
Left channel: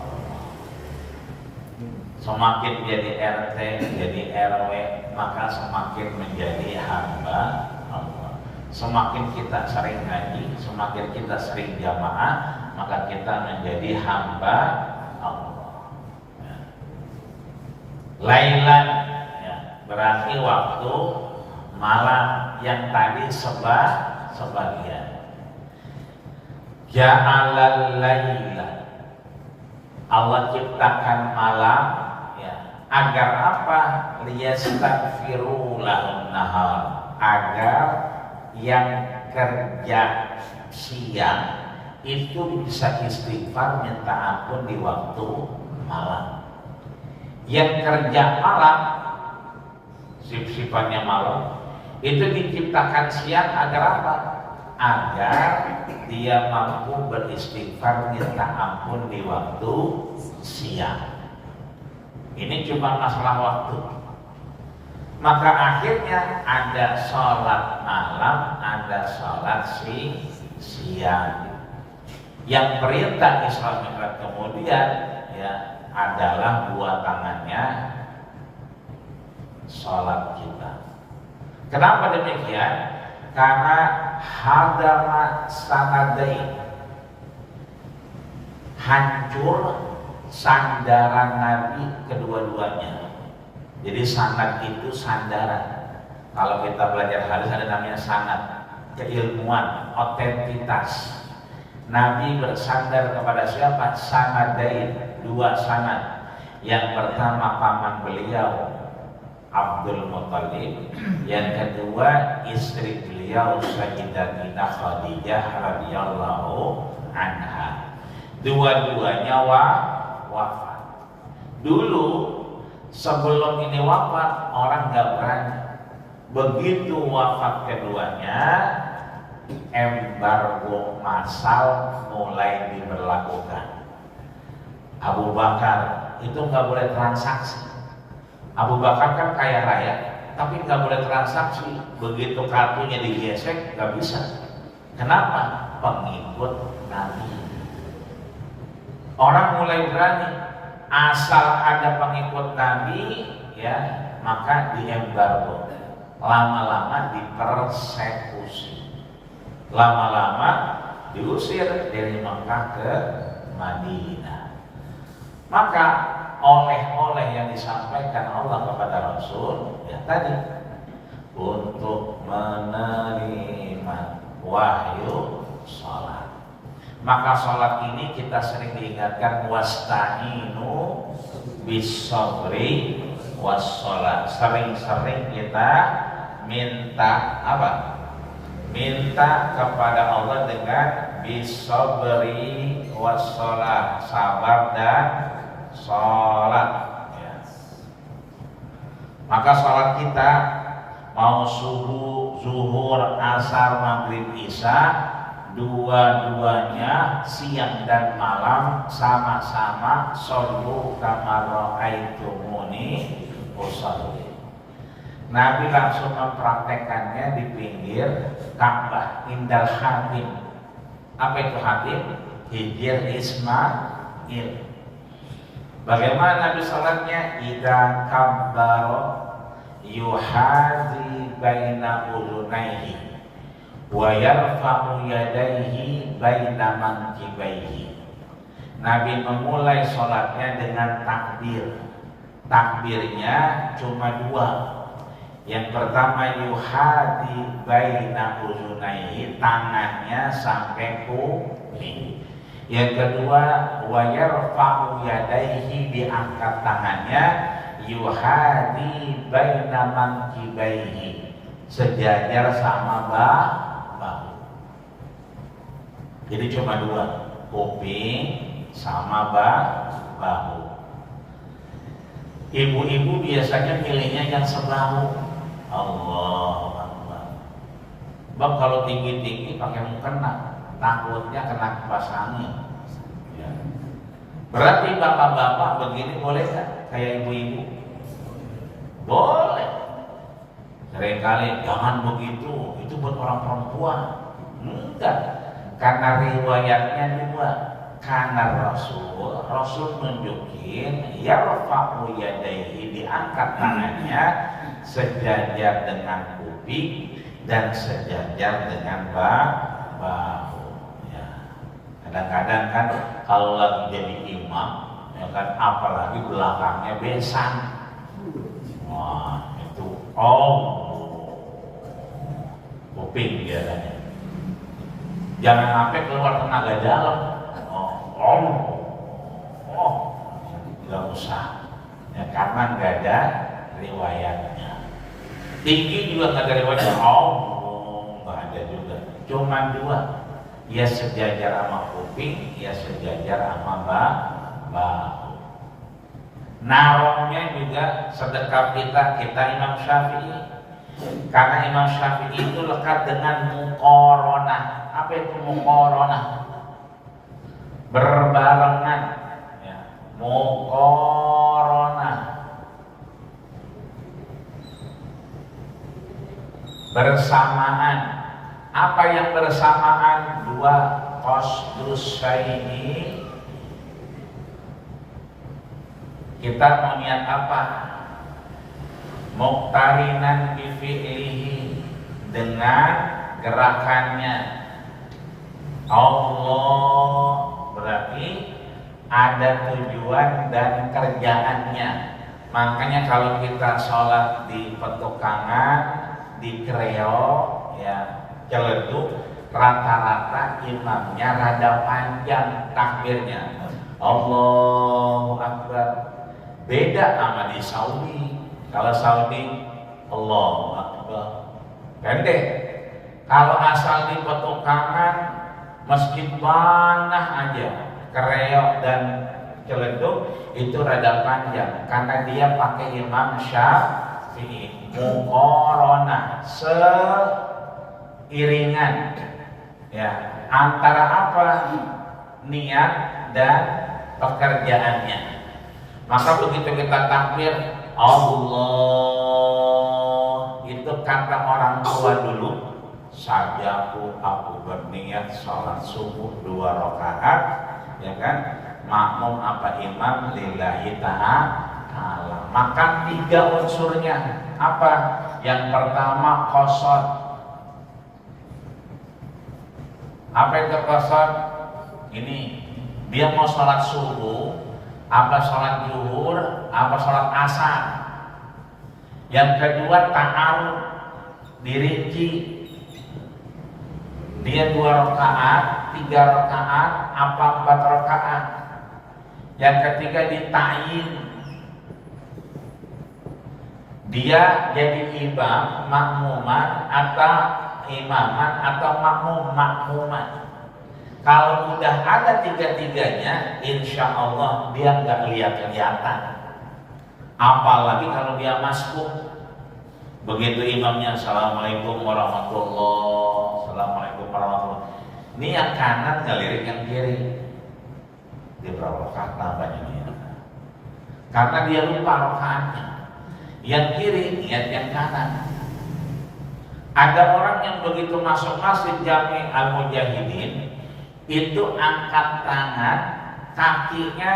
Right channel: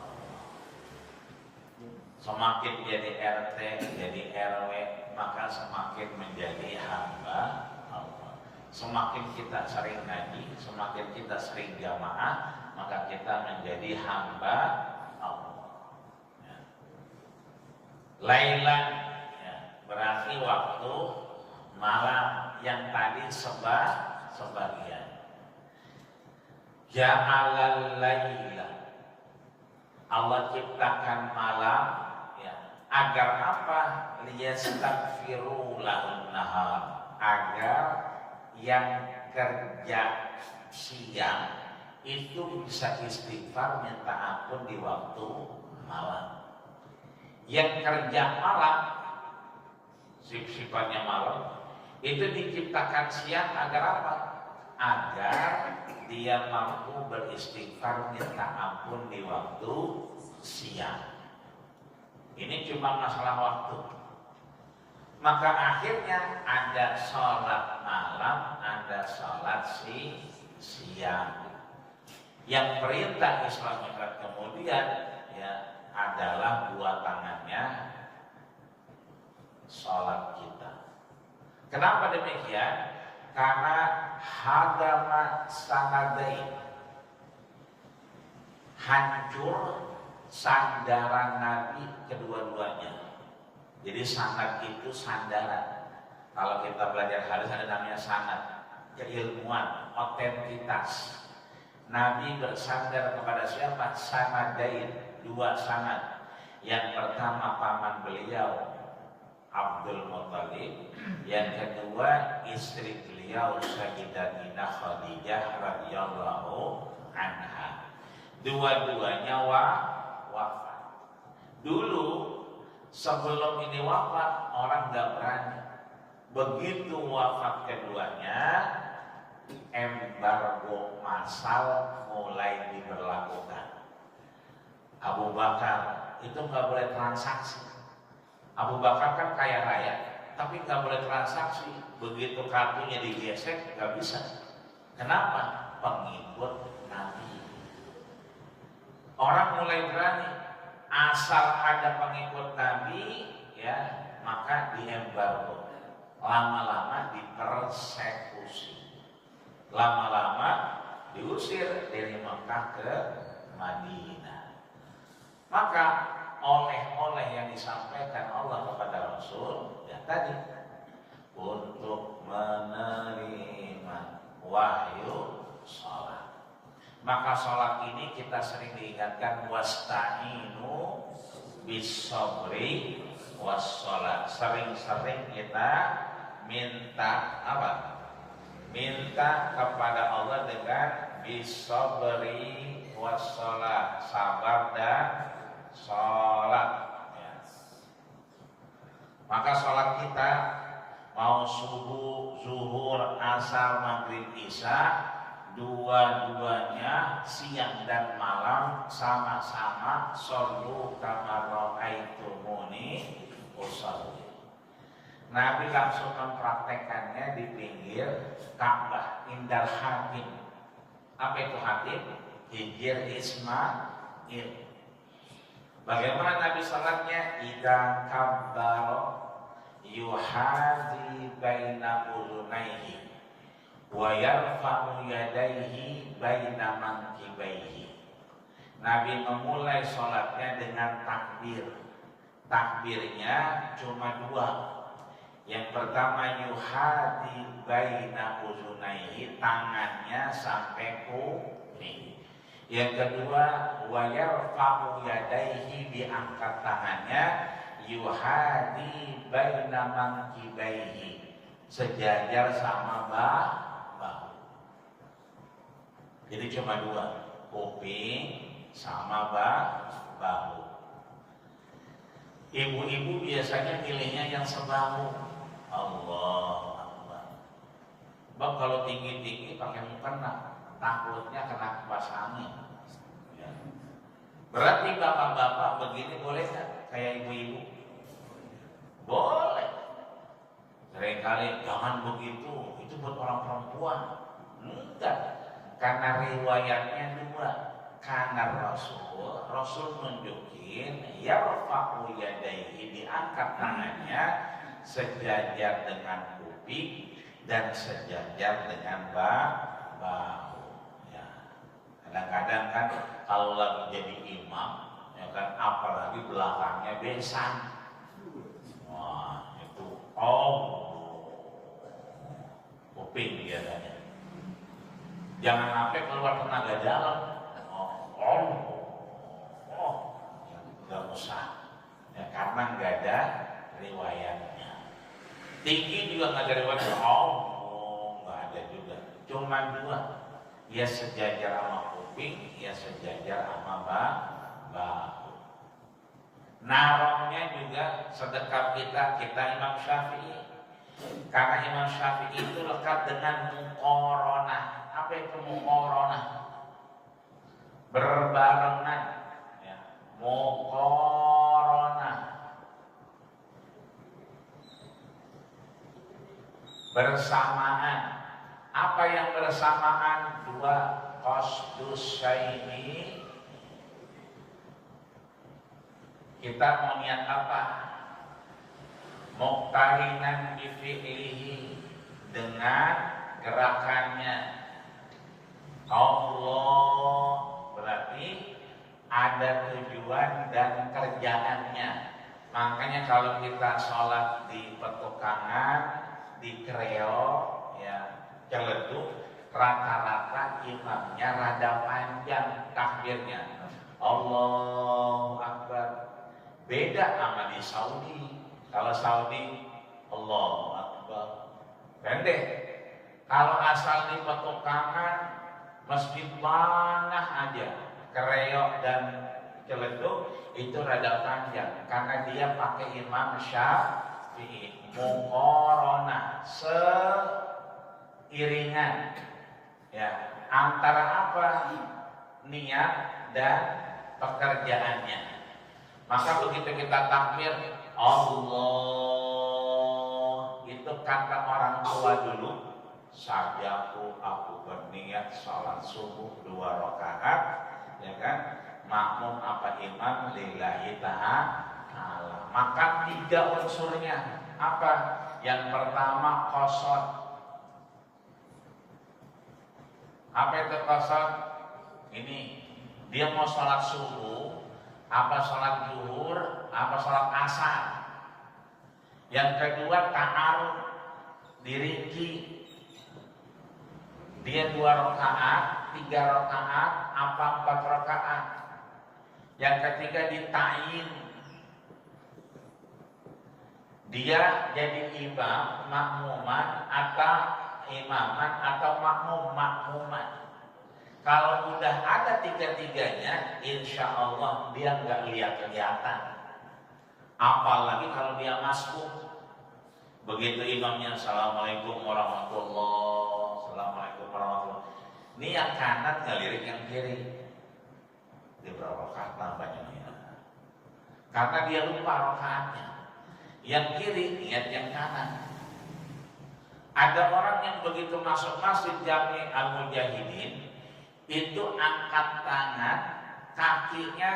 Semakin jadi RT, jadi RW, maka semakin menjadi hamba Allah. Semakin kita sering ngaji, semakin kita sering jamaah, maka kita menjadi hamba Allah. Lailan, ya, berarti waktu malam, yang tadi sebagian. Ja'alal laila, Allah ciptakan malam, ya, agar apa? Liyastaghfiru lahum nahar, agar yang kerja siang itu bisa istighfar minta ampun di waktu malam. Yang kerja malam, sifatnya malam, itu diciptakan siang agar apa? Agar dia mampu beristighfar minta ampun di waktu siang. Ini cuma masalah waktu. Maka akhirnya ada sholat malam, ada sholat siang. Yang perintah Isra Mi'raj kemudian, ya, adalah dua tangannya sholat kita. Kenapa demikian? Karena hadama sanadain, hancur sandaran Nabi kedua-duanya. Jadi sanad itu sandaran. Kalau kita belajar hadis ada namanya sanad, keilmuan, otentitas. Nabi bersandar kepada siapa? Sanadain, dua sanad. Yang pertama paman beliau Abdul Muttalib, yang kedua istri beliau Sayyidatina Khadijah radhiyallahu anha. Dua-duanya wafat. Dulu sebelum ini wafat orang nggak berani. Begitu wafat keduanya, embargo massal mulai diberlakukan. Abu Bakar itu nggak boleh transaksi. Abu Bakar kan kaya raya, tapi nggak boleh transaksi. Begitu kartunya digesek, nggak bisa. Kenapa? Pengikut Nabi. Orang mulai berani, asal ada pengikut Nabi, ya, maka diembargo. Lama-lama dipersekusi. Lama-lama diusir dari Mekah ke Madinah. Maka oleh-oleh yang disampaikan Allah kepada Rasul, ya tadi, untuk menerima wahyu sholat. Maka sholat ini kita sering diingatkan, wasta'inu bis-sabri was-sholat. Sering-sering kita minta apa? Minta kepada Allah dengan bis-sabri was-sholat, sabar dan sholat, ya. Maka sholat kita mau subuh, zuhur, asar, maghrib, isya, dua-duanya siang dan malam sama-sama shollu kama ra'aitumuni usolli. Nabi langsung mempraktekannya di pinggir Ka'bah, indal hatim. Apa itu hatim? Hijir Ismail. Bagaimana Nabi salatnya? Idza kabbara yuhadi baina udunaihi wa yarfa'u yadayhi baina mankibaihi. Nabi memulai salatnya dengan takbir. Takbirnya cuma dua. Yang pertama yuhadi baina udunaihi, tangannya sampai kuping. Yang kedua, wa yarfa'u yadayhi, diangkat tangannya, yuhadi baina mankibaihi, sejajar sama bahu. Jadi cuma dua, kuping sama bahu. Ibu-ibu biasanya pilihnya yang sebahu. Allahu Akbar. Bab kalau tinggi-tinggi pakai mukena, takutnya kena kipas angin. Ya. Berarti bapak-bapak begini boleh nggak? Kayak ibu-ibu? Boleh. Seringkali jangan begitu, itu buat orang perempuan. Enggak, karena riwayatnya dua. Karena Rasul nunjukin yarfa'u yadaihi, diangkat tangannya sejajar dengan kuping dan sejajar dengan bahu. Ya. Kadang-kadang kan kalau lagi jadi imam, ya kan, apalagi belakangnya besan. Wah, itu kuping biasanya. Jangan sampai keluar tenaga dalam. Nggak usah. Ya, karena nggak ada riwayatnya. Tinggi juga nggak ada riwayatnya. Nggak ada juga. Cuma dua. Ya sejajar sama kuping, ya sejajar sama bahu. Narohnya juga sedekah kita Imam Syafi'i. Karena Imam Syafi'i itu lekat dengan muqaronah. Apa itu muqaronah? Berbarengan, ya. Muqaronah, bersamaan. Apa yang bersamaan? Dua qasdus syai'i. Kita mau niat apa? Muqtarinan bi fi'lihi, dengan gerakannya. Allah berarti ada tujuan dan kerjaannya. Makanya kalau kita sholat di petukangan, di kreo, ya celeduk, rata-rata imamnya rada panjang takbirnya. Allahu Akbar. Beda sama di Saudi. Kalau Saudi Allahu Akbar pendek. Kalau asal di petukangan, meski panah aja, kereok dan celeduk itu rada panjang karena dia pakai Imam Syafi'i. Muqaronah, seiringan, ya, antara apa? Niat dan pekerjaannya. Maka begitu kita takbir Allah, itu kata orang tua dulu, sajaku aku berniat sholat subuh 2 rakaat, ya kan, makmum apa imam lillahi ta'ala. Maka 3 unsurnya apa? Yang pertama qasad. Apa itu qasad? Ini dia mau sholat subuh, apa sholat zuhur, apa sholat asar. Yang kedua ta'arud, dirinci. Dia 2 rakaat, 3 rakaat, apa 4 rakaat. Yang ketiga dita'yin. Dia jadi imam, makmuman, atau imaman, atau makmuman. Kalau udah ada 3-tiganya, insya Allah dia nggak lihat-lihatan. Apalagi kalau dia masbuk. Begitu imamnya assalamualaikum warahmatullah, assalamualaikum warahmatullah. Ini yang kanan ngelirik yang kiri. Dia berapa rakaat nambahnya dia? Karena dia lupa rakaatnya. Yang kiri niat yang kanan. Ada orang yang begitu masuk masjid Jami Al-Mujahidin, itu angkat tangan, kakinya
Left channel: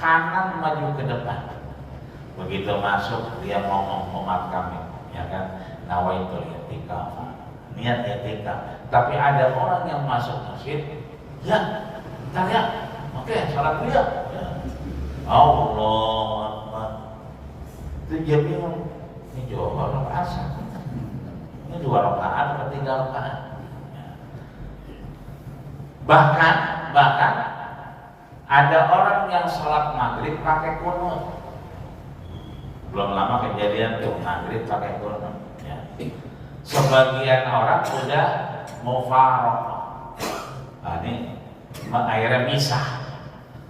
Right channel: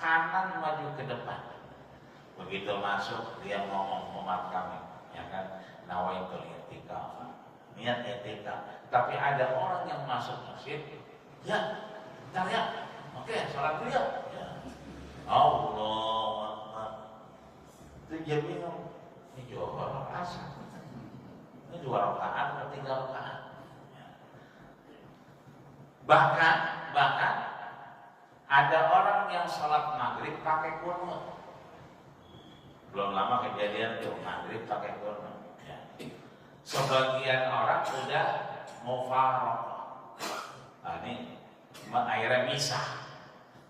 kanan maju ke depan. Begitu masuk dia ngomong umat kami, ya kan, nawaitul i'tikaf, niat i'tikaf. Tapi ada orang yang masuk masjid, ya, bentar ya, oke, salat dulu ya. Allah Akbar. Itu dia bingung, ini juga rakaat asar, ini 2 rakaat atau 3 rakaat. Bahkan ada orang yang sholat maghrib pakai kunut. Belum lama kejadian tuh maghrib pakai kunut. Ya. Sebagian orang udah mufaraqah. Nah, ini akhirnya misah.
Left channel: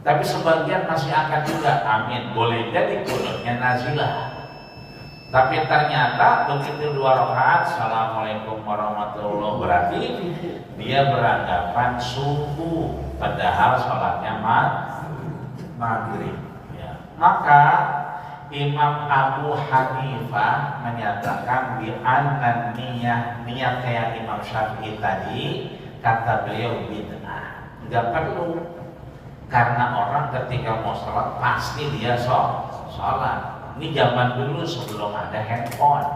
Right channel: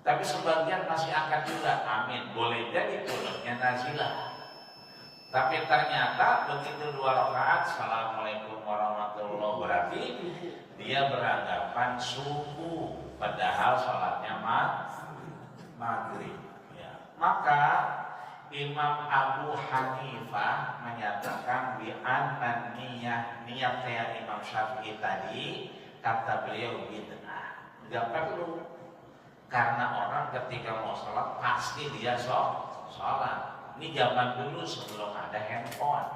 Tapi sebagian masih akan juga amin. Boleh jadi kunutnya nazilah. Tapi ternyata begitu 2 rakaat, assalamualaikum warahmatullahi, berarti dia beranggapan subuh, padahal sholatnya maghrib. Ya. Maka Imam Abu Hanifah menyatakan bi anna niat kayak Imam Syafi'i tadi, kata beliau bid'ah. Enggak perlu, karena orang ketika mau sholat pasti dia sholat. Ini zaman dulu sebelum ada handphone.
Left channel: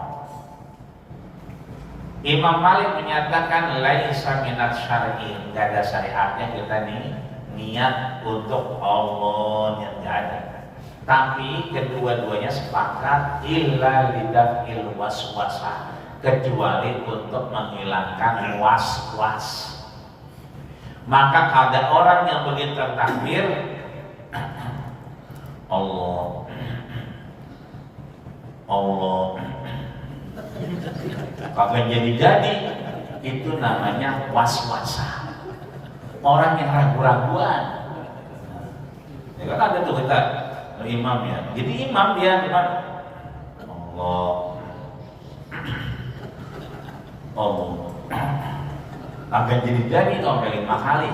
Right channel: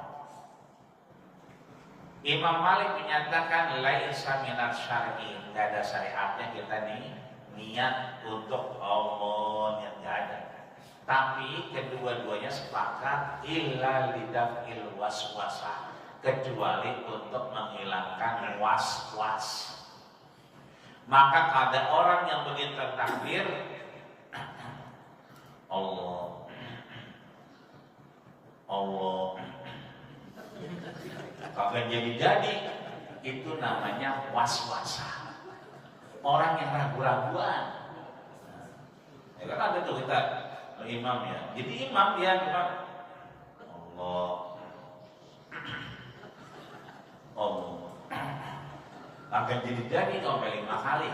Imam Malik menyatakan laisa minat syar'i, enggak ada syariatnya kita nih niat untuk Allah, yang enggak ada. Tapi kedua-duanya sepakat illa lidaf'il waswasah, kecuali untuk menghilangkan was-was. Maka ada orang yang begitu takbir Allah kagak jadi, itu namanya was-wasah. Orang yang ragu-raguan. Ya kan ada tuh kita imam ya. Jadi imam Allah akan jadi sampai 5 kali.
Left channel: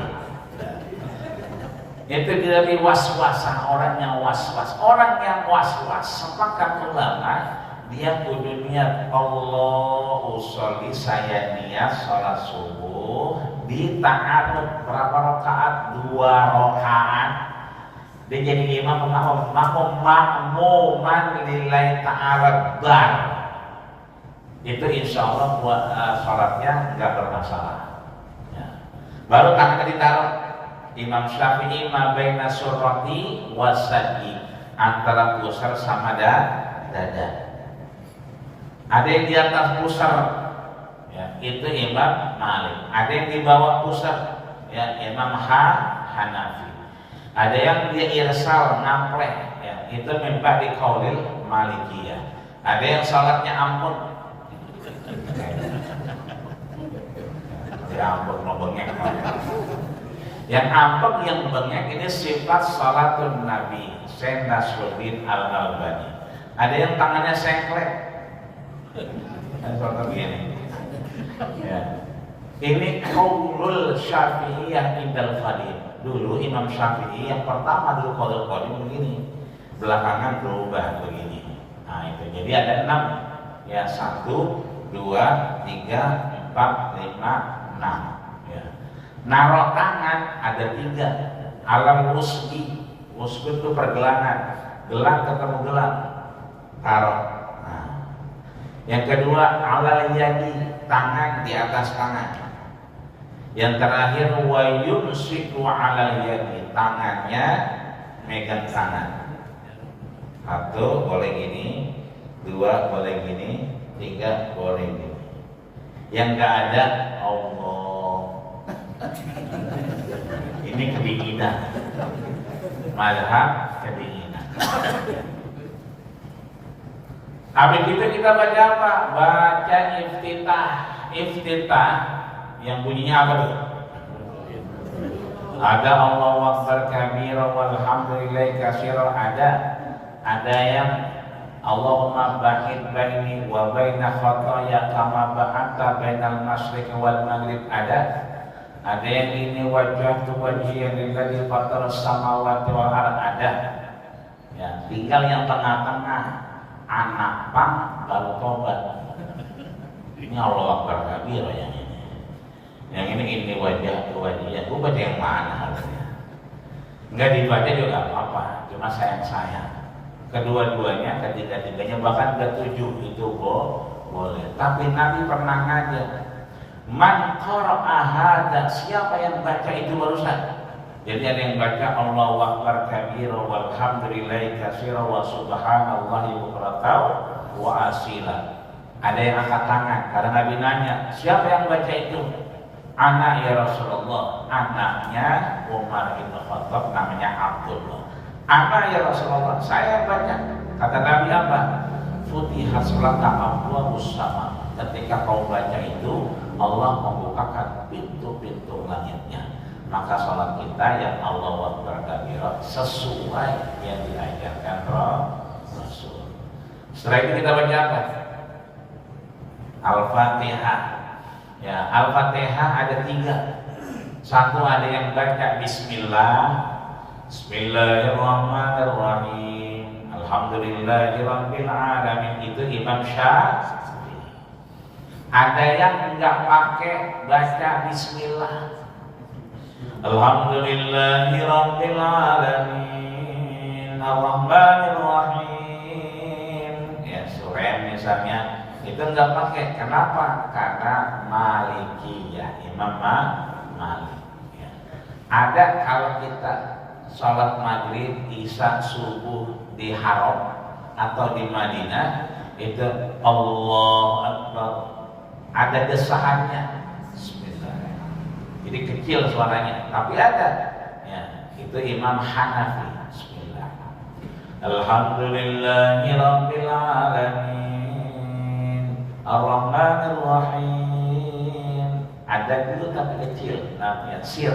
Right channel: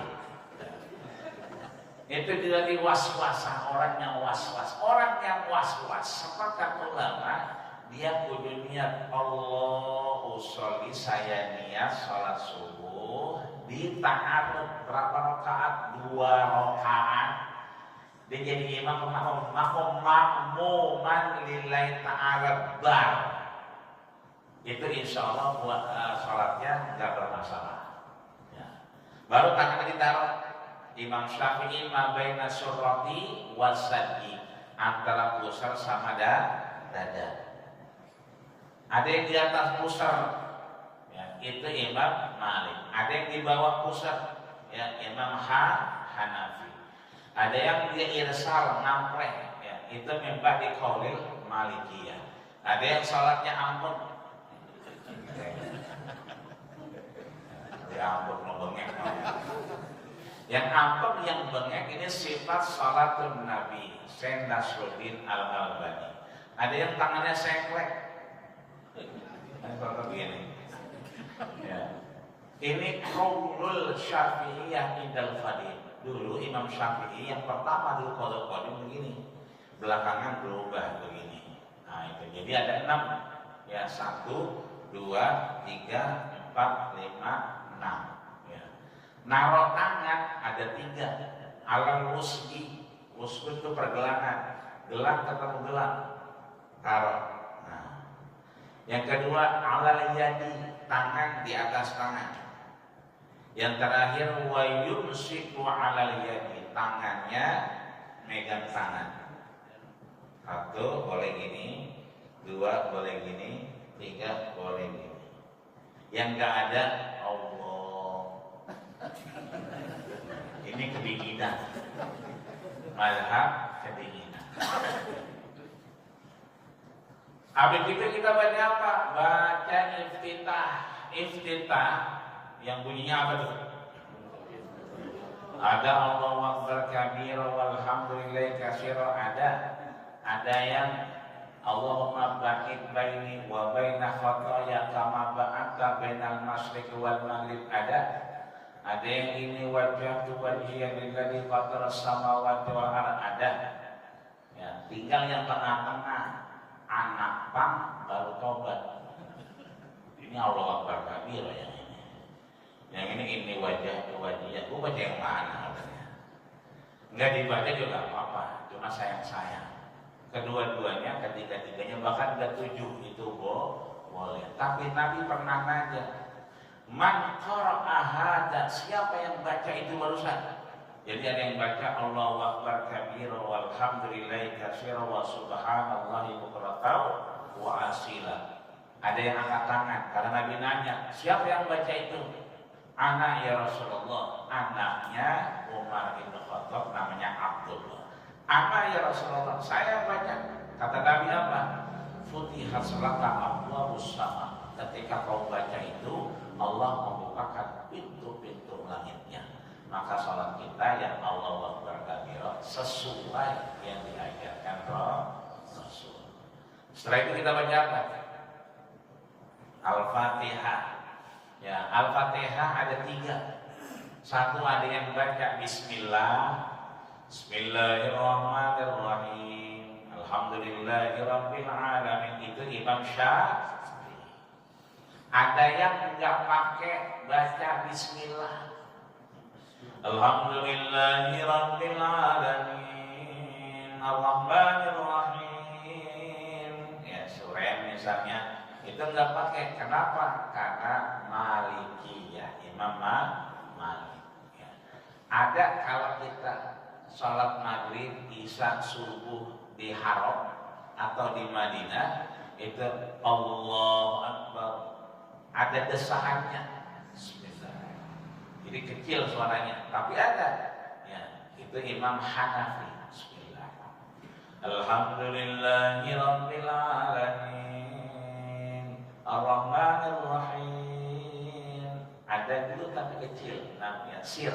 Itu dari was-wasah, orang yang was-was. Orang yang was-was, sepakat ulama, dia kudu niat Allah usolli, saya niat sholat subuh di ta'arud berapa rakaat? 2 rakaat. Dia jadi imam makmuman lillahi ta'ala bar. Itu insya Allah buat sholatnya nggak bermasalah. Ya. Baru tangan ditaruh. Imam Syafi'i ma baina surrati wasadi, antara pusar sama dada. Ada yang di atas pusar, ya, itu Imam Malik. Ada yang di bawah pusar, ya, Imam Hanafi. Ada yang dia irsal namplek, ya, itu membah di qaulil Malikiyah. Ada yang salatnya ampun, ya ampun mau bengek. Yang ampun yang bengek ini sifat salatun Nabi, Syekh Nasruddin Al-Albani. Ada yang tangannya sengklek, seperti ini. Ya. Ini qaulul Syafi'iyah indal Fadil. Dulu Imam Syafi'i yang pertama dulu qaulul qadim begini, belakangan berubah begini. Nah itu jadi ada 6, ya 1, 2, 3, 4, 5, 6. Ya. Naruh tangan ada 3. Alam wusdi, wusdi itu pergelangan, gelang ketemu gelang, taruh. Nah. Yang kedua alal yadi, tangan di atas tangan. Yang terakhir wa yumsiku alal yadi, tangannya megang tangan. 1 boleh gini, 2 boleh gini, 3 boleh gini. Yang enggak ada Allah. Ini kedinginan. Mazhab kedinginan. Habis itu kita baca apa? Baca iftitah. Iftitah yang bunyinya apa tuh? Ada Allahu Akbar kabira walhamdulillahi katsira, ada yang Allahumma ba'id baini wa baina khataaya kama ba'adta bainal masyriq wal maghrib, ada yang ini wajhatu wajhiya lilladzi fatara samawati wal ardh, ada. Ya, tinggal yang tengah-tengah, anak pang baru tobat. Ini Allahu Akbar kabira yang ini. Yang ini wajah wajah, gue baca yang mana harusnya? Enggak dibaca juga apa, cuma sayang-sayang. Kedua-duanya, ketiga-tiganya, bahkan ke-7 itu boleh. Tapi Nabi pernah ngajar, man qara'a hadza, siapa yang baca itu barusan. Jadi ada yang baca Allahu Akbar kabira walhamdulillahi katsira wa subhanallahi bukratan wa asila. Ada yang angkat tangan karena Nabi nanya, siapa yang baca itu? Anak ya Rasulullah, anaknya Umar bin Khattab, namanya Abdullah. Anak ya Rasulullah, saya baca. Kata Nabi apa? Futihat laka abwaabus sama. Ketika kau baca itu, Allah membukakan pintu-pintu langitnya. Maka salat kita yang Allahu Akbar kabira sesuai yang diajarkan Rasul. Setelah itu kita baca apa? Al-Fatihah. Ya, Al-Fatihah ada 3. 1 ada yang baca Bismillah, Bismillahirrahmanirrahim, Alhamdulillahirabbil alamin itu Imam Syafi'i. Ada yang enggak pakai baca bismillah. Alhamdulillahirabbil alamin arrahmanir rahim. Ya, surah misalnya itu enggak pakai. Kenapa? Karena Malikiyah, Imam Malik. Ya. Ada kalau kita sholat maghrib, isya, subuh di Haram atau di Madinah itu Allahu Akbar, ada desahannya Bismillah. Jadi kecil suaranya, tapi ada. Ya, itu Imam Hanafi. Bismillah. Alhamdulillahirabbil alamin arrahmanir rahim. Ada dulu tapi kecil, namanya sir.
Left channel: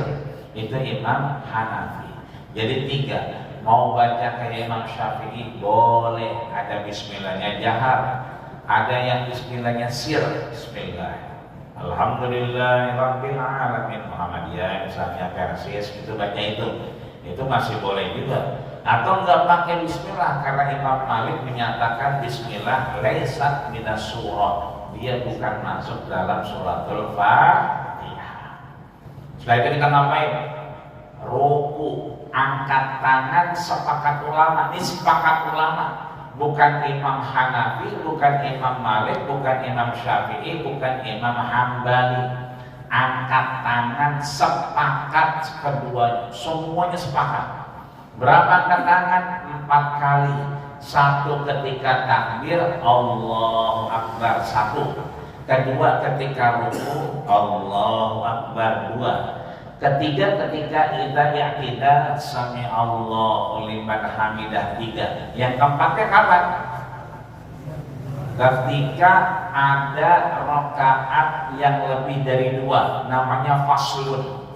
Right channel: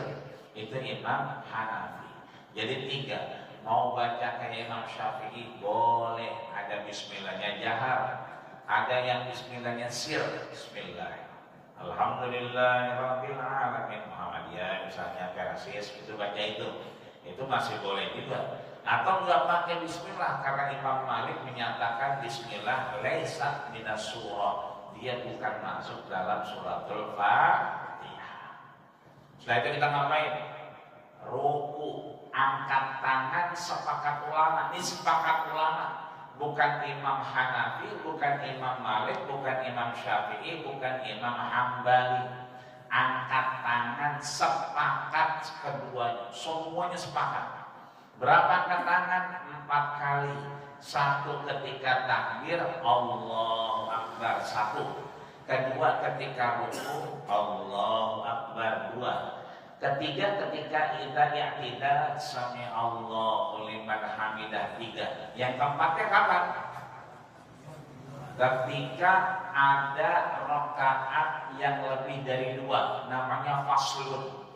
Itu Imam Hanafi. Jadi 3, mau baca kayak Imam Syafi'i boleh, ada bismillahnya jahar, ada yang bismillahnya sir, bismillah. Alhamdulillahirabbil alamin Muhammadiyah misalnya Persis itu baca itu masih boleh juga. Atau enggak pakai bismillah karena Imam Malik menyatakan bismillah laisat minas surah, dia bukan masuk dalam suratul Fatihah. Setelah itu kita ngapain? Ruku, angkat tangan, sepakat ulama. Ini sepakat ulama, bukan Imam Hanafi, bukan Imam Malik, bukan Imam Syafi'i, bukan Imam Hambali. Angkat tangan sepakat kedua, semuanya sepakat. Berapa angkat tangan? 4 kali. 1 ketika takbir Allahu Akbar 1. Kedua ketika ruku Allahu Akbar 2. Ketiga ketika kita sami Allahu liman hamidah 3. Yang keempatnya kapan? Ketika ada rakaat yang lebih dari 2, namanya faslun.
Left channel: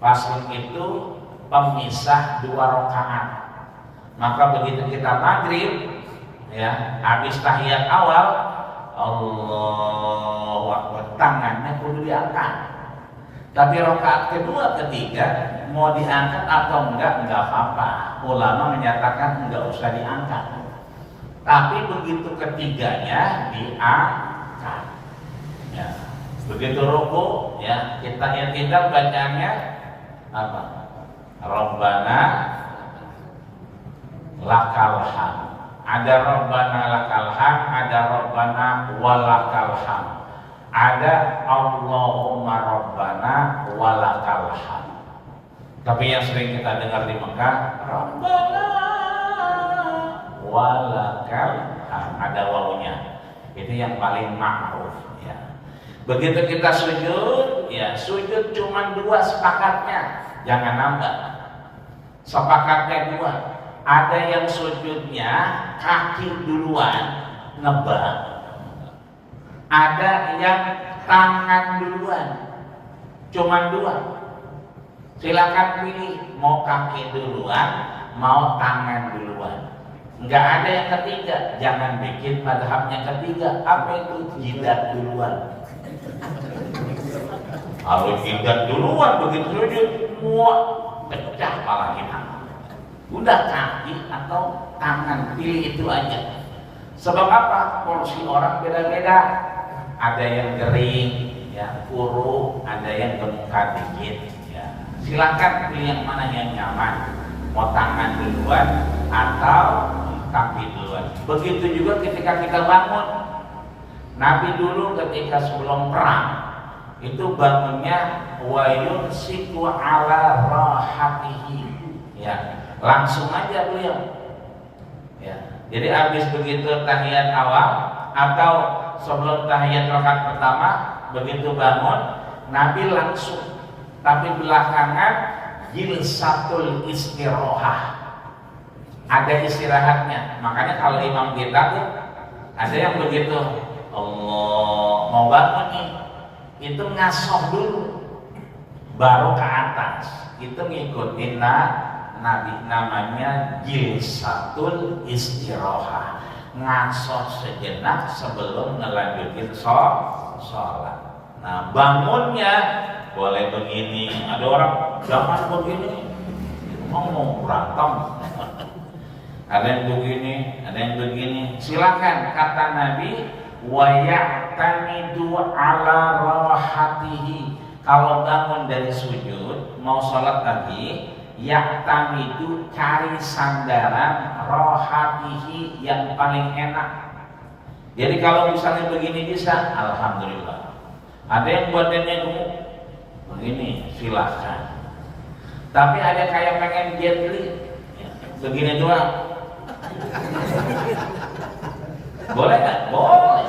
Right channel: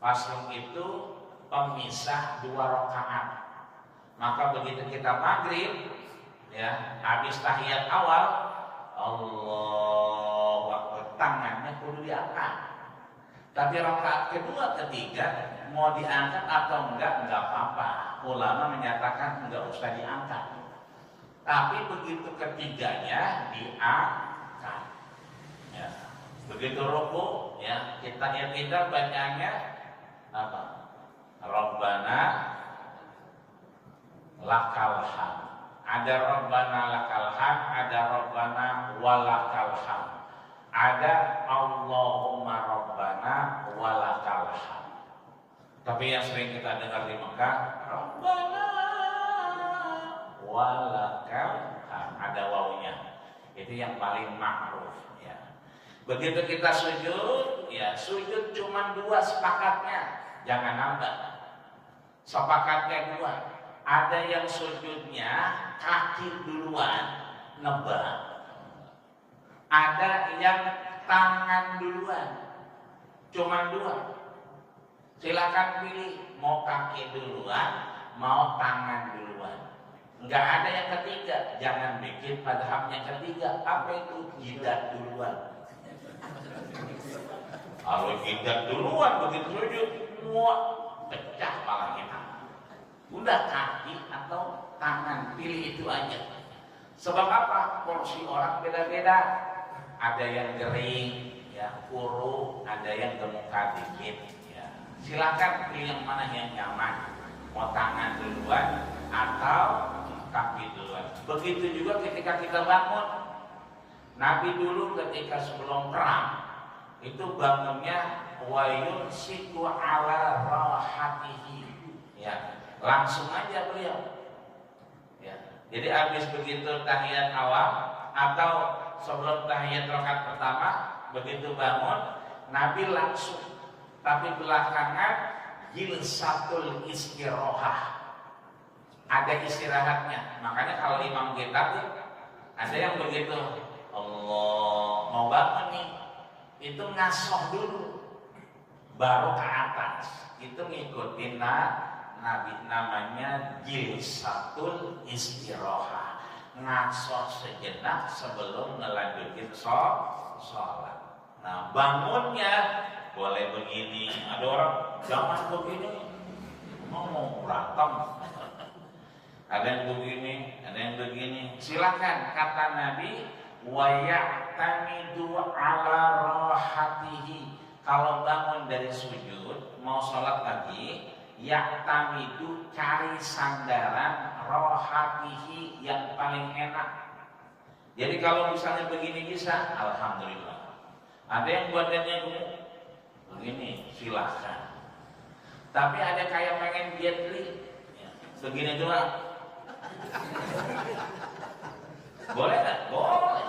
Faslun itu pemisah 2 rakaat. Maka begitu kita maghrib, ya, habis tahiyat awal Allahu Akbar, tangannya kudu diangkat. Tapi rakaat kedua, ketiga mau diangkat atau enggak apa-apa. Ulama menyatakan enggak usah diangkat. Tapi begitu ketiganya diangkat. Ya. Begitu ruku, ya, kita bacanya apa? Rabbana lakal hamd. Ada Rabbana lakal hamd, ada Rabbana walakal hamd. Ada Allahumma Rabbana walakal hamd. Tapi yang sering kita dengar di Mekah, Rabbana walakal hamd, ada wawunya. Itu yang paling ma'ruf, ya. Begitu kita sujud, ya, sujud cuma 2 sepakatnya, jangan nambah. Sepakatnya 2. Ada yang sujudnya kaki duluan ngebak. Ada yang tangan duluan, cuma 2. Silakan pilih, mau kaki duluan, mau tangan duluan. Enggak ada yang ketiga, jangan bikin madhabnya ketiga. Apa itu? Jidat duluan. Kalau jidat duluan begitu sujud, muak, pecah kepala kita. Udah kaki atau tangan, pilih itu aja. Sebab apa? Porsi orang beda-beda. Ada yang kering, ya, kuru, ada yang gemukan dikit, ya. Silakan pilih yang mana yang nyaman. Mau tangan duluan atau kaki duluan. Begitu juga ketika kita bangun. Nabi dulu ketika sebelum perang itu bangunnya wa yunsiku ala rahatihi, ya, langsung aja beliau, ya. Jadi habis begitu tahiyat awal atau sebelum tahiyat rakaat pertama, begitu bangun Nabi langsung, tapi belakangan jilsatul istirahah, ada istirahatnya. Makanya kalau imam kita tuh ada yang begitu Allah mau bangun nih, itu ngasoh dulu baru ke atas, itu ngikutin Nabi, namanya jilsatul istirahah, ngasoh sejenak sebelum ngelanjutin sholat. Nah, bangunnya boleh begini. Ada orang jangan begini, mau berantem. Ada yang begini, ada yang begini. Silakan, kata Nabi, wa ya'tamidu ala rahatihi. Kalau bangun dari sujud, mau sholat lagi, ya'tamidu, cari sandaran rahatihi yang paling enak. Jadi kalau misalnya begini bisa, alhamdulillah. Ada yang badannya gemuk, begini, silakan. Tapi ada kayak pengen jet li, begini doang. Boleh nggak? Boleh.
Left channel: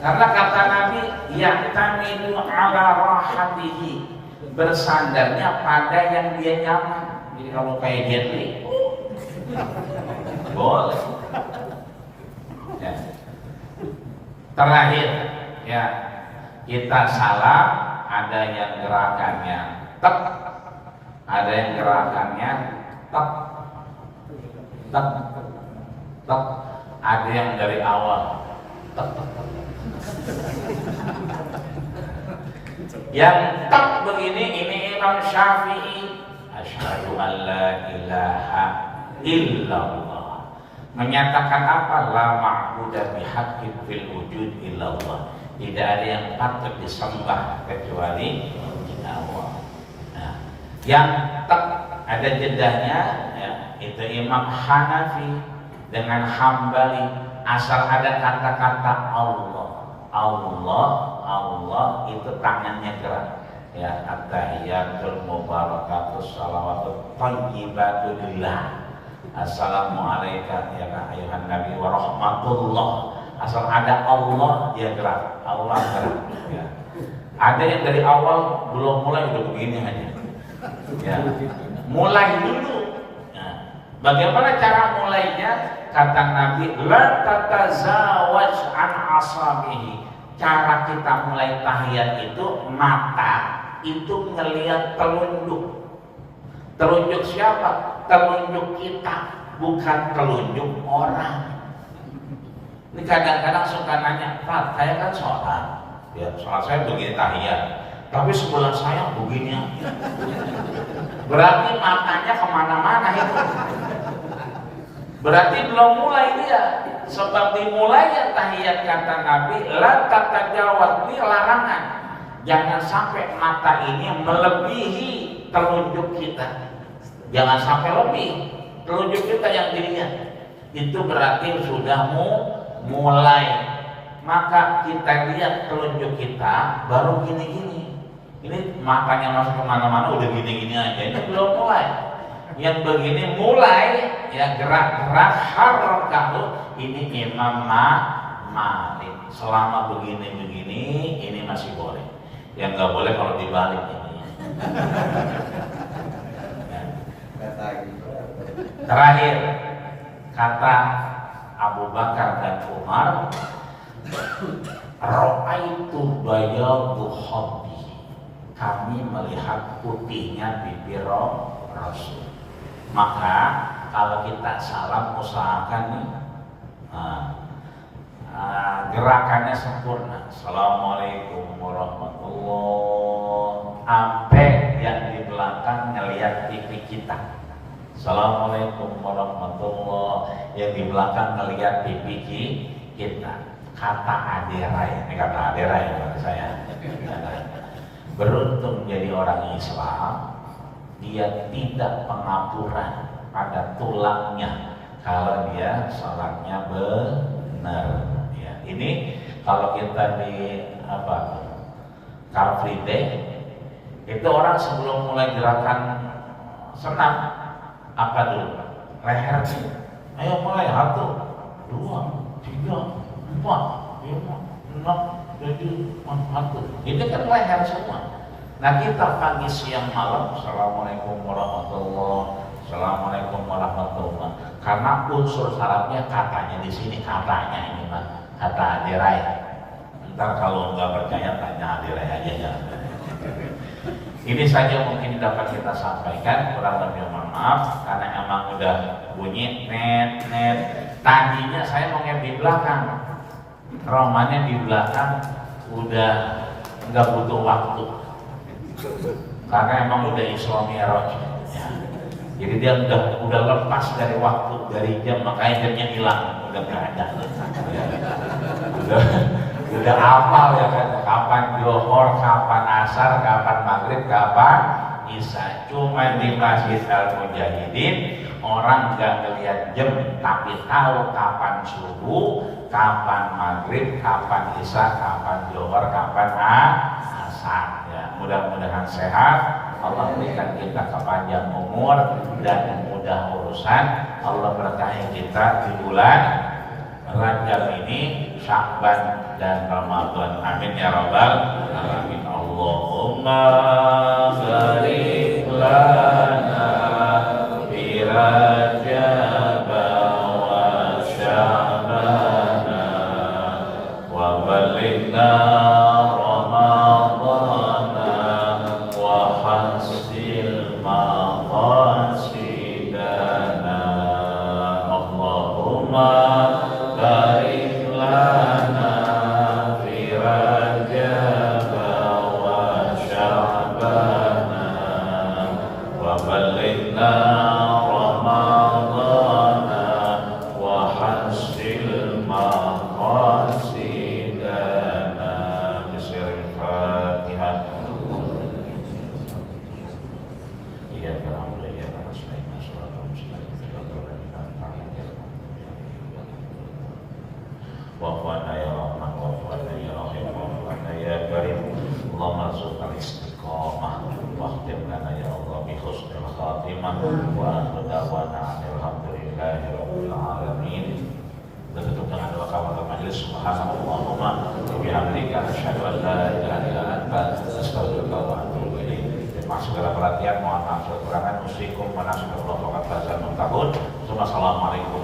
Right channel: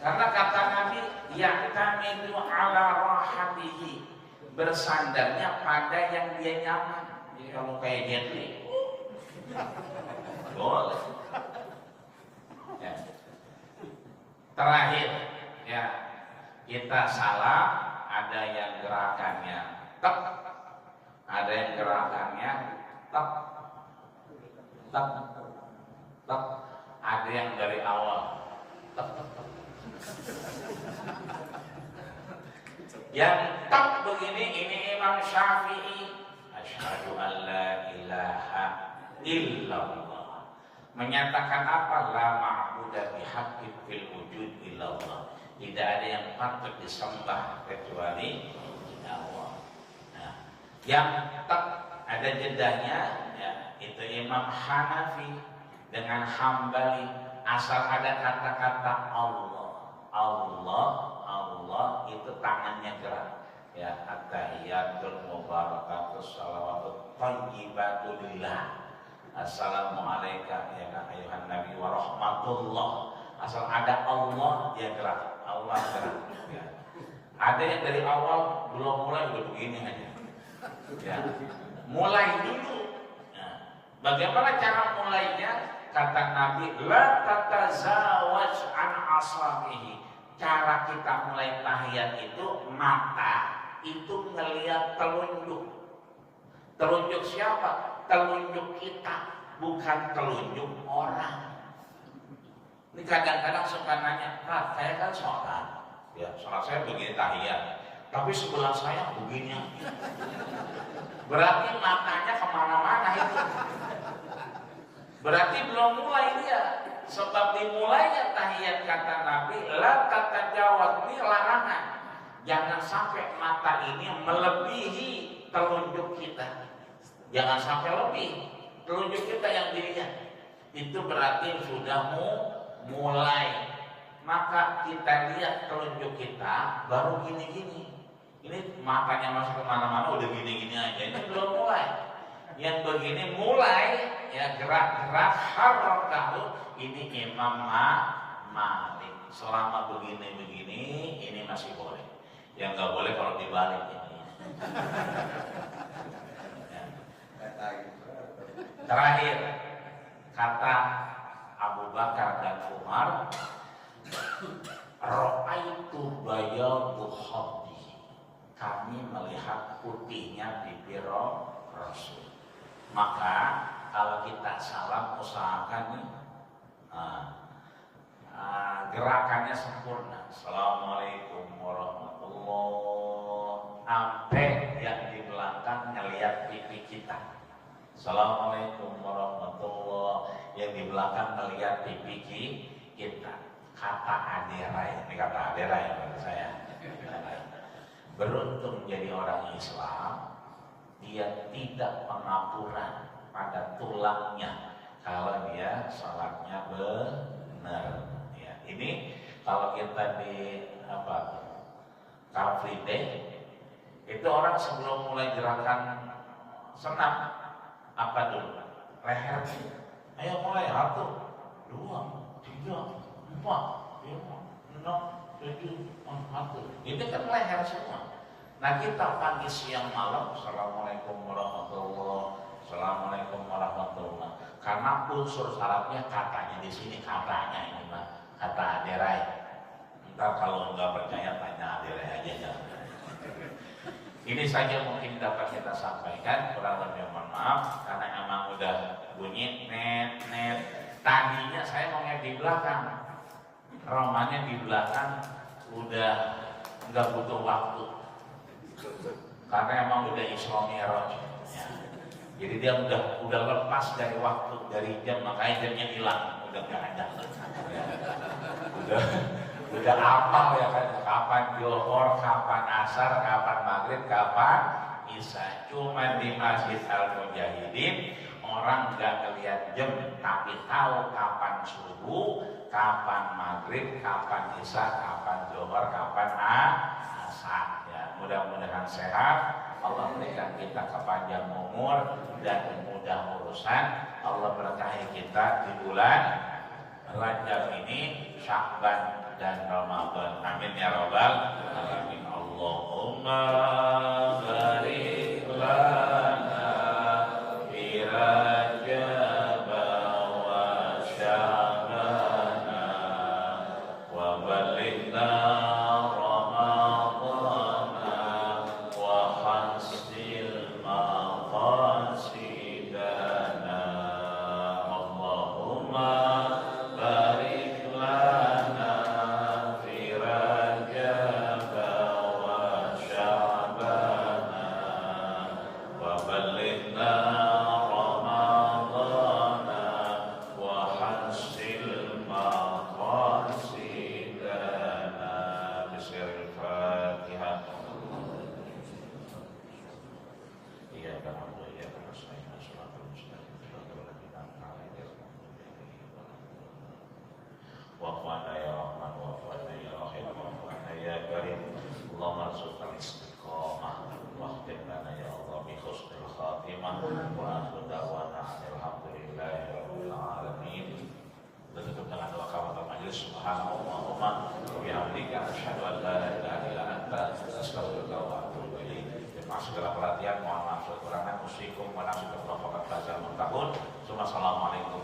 Karena kata Nabi, ya'tamidu ala rahatihi, bersandarnya pada yang dia nyaman. Jadi kalau kayak jet li, boleh. Ya. Terakhir, ya, kita salam, ada yang gerakannya tek, ada yang gerakannya tek, tek, tek, ada yang dari awal tek, tek, tek. Yang tek begini, ini Imam Syafi'i, asyhadu an la ilaha illallah, menyatakan apa? La ma'budu bihaqqin fil wujud illallah, tidak ada yang patut disembah kecuali Allah. Nah, yang tek ada jedahnya, ya, itu Imam Hanafi dengan Hambali, asal ada kata-kata Allah, Allah, Allah, itu tangannya gerak. Ya, at-tahiyatul mubarakatus salawatut thayyibatu lillah. Assalamualaikum ya ayuhan nabi wa rahmatullah. Asal ada Allah dia gerak, Allah gerak. Ya. Ada yang dari awal belum mulai udah begini aja. Ya. Mulai dulu. Ya. Bagaimana cara mulainya? Kata Nabi, la tatazawaj an asabihi. Cara kita mulai tahiyat itu, mata itu ngelihat telunjuk. Telunjuk siapa? Telunjuk kita, bukan telunjuk orang. Ini kadang-kadang suka nanya, Pak, saya kan sholat, ya sholat saya begini tahiyat, tapi sebelah saya begini. Berarti matanya kemana-mana itu. Berarti belum mulai dia. Sebab dimulainya tahiyat kata Nabi, la tatajawaz, ini larangan. Jangan sampai mata ini melebihi telunjuk kita. Jangan sampai lebih telunjuk kita yang dilihat. Itu berarti sudah mulai. Maka kita lihat telunjuk kita baru gini-gini. Ini matanya masuk kemana-mana udah gini-gini aja. Ini belum mulai. Yang begini mulai, ya gerak-gerak harokah. Ini Imam Malik. Selama begini-begini, ini masih boleh. Yang nggak boleh kalau dibalik ini. Terakhir, kata Abu Bakar dan Umar, ra'aitu bayadu khabbi, kami melihat putihnya bibir Rasul. Maka kalau kita salam usahakan nih, gerakannya sempurna. Assalamualaikum warahmatullahi, sampai yang di belakang ngelihat pipi kita. Assalamualaikum warahmatullahi, yang di belakang ngelihat pipi kita. Kata Aderai, ini kata Aderai kata saya. Beruntung jadi orang Islam, dia tidak pengapuran pada tulangnya kalau dia sholatnya benar. Ya, ini kalau kita di Car Free Day, itu orang sebelum mulai gerakan senam apa dulu? Lehernya. Ayo mulai 1, 2, 3, 4, 5, 6, 7, 8. Ini kan leher semua. Nah kita pagi siang malam, assalamualaikum warahmatullah, assalamualaikum warahmatullah. Karena unsur syaratnya katanya di sini, katanya ini mah kata Aderai. Ntar kalau nggak percaya tanya Aderai aja ya. Ini saja mungkin dapat kita sampaikan. Kurang lebih mohon maaf karena emang udah bunyi net. Tadinya saya mau di belakang, romannya di belakang udah nggak butuh waktu. Karena emang udah Isra Mi'raj ya. Jadi dia udah lepas dari waktu, dari jam, makanya jamnya hilang, udah nggak ada. Udah hafal ya kan, kapan Johor, kapan Asar, kapan Maghrib, kapan Isya. Cuma di Masjid Al Mujahidin orang nggak ngelihat jam, tapi tahu kapan subuh, kapan Maghrib, kapan Isya, kapan Johor, kapan Asar. Ya, mudah-mudahan sehat. Allah berikan kita kepanjang umur dan mudah urusan. Allah berkahi kita di bulan Rajab ini, Sya'ban dan Ramadan. Amin ya rabbal alamin. Allahumma barik lana fi Rajab wa Sya'ban wa balighna segala perhatian, mohon maaf kekurangan. Assalamualaikum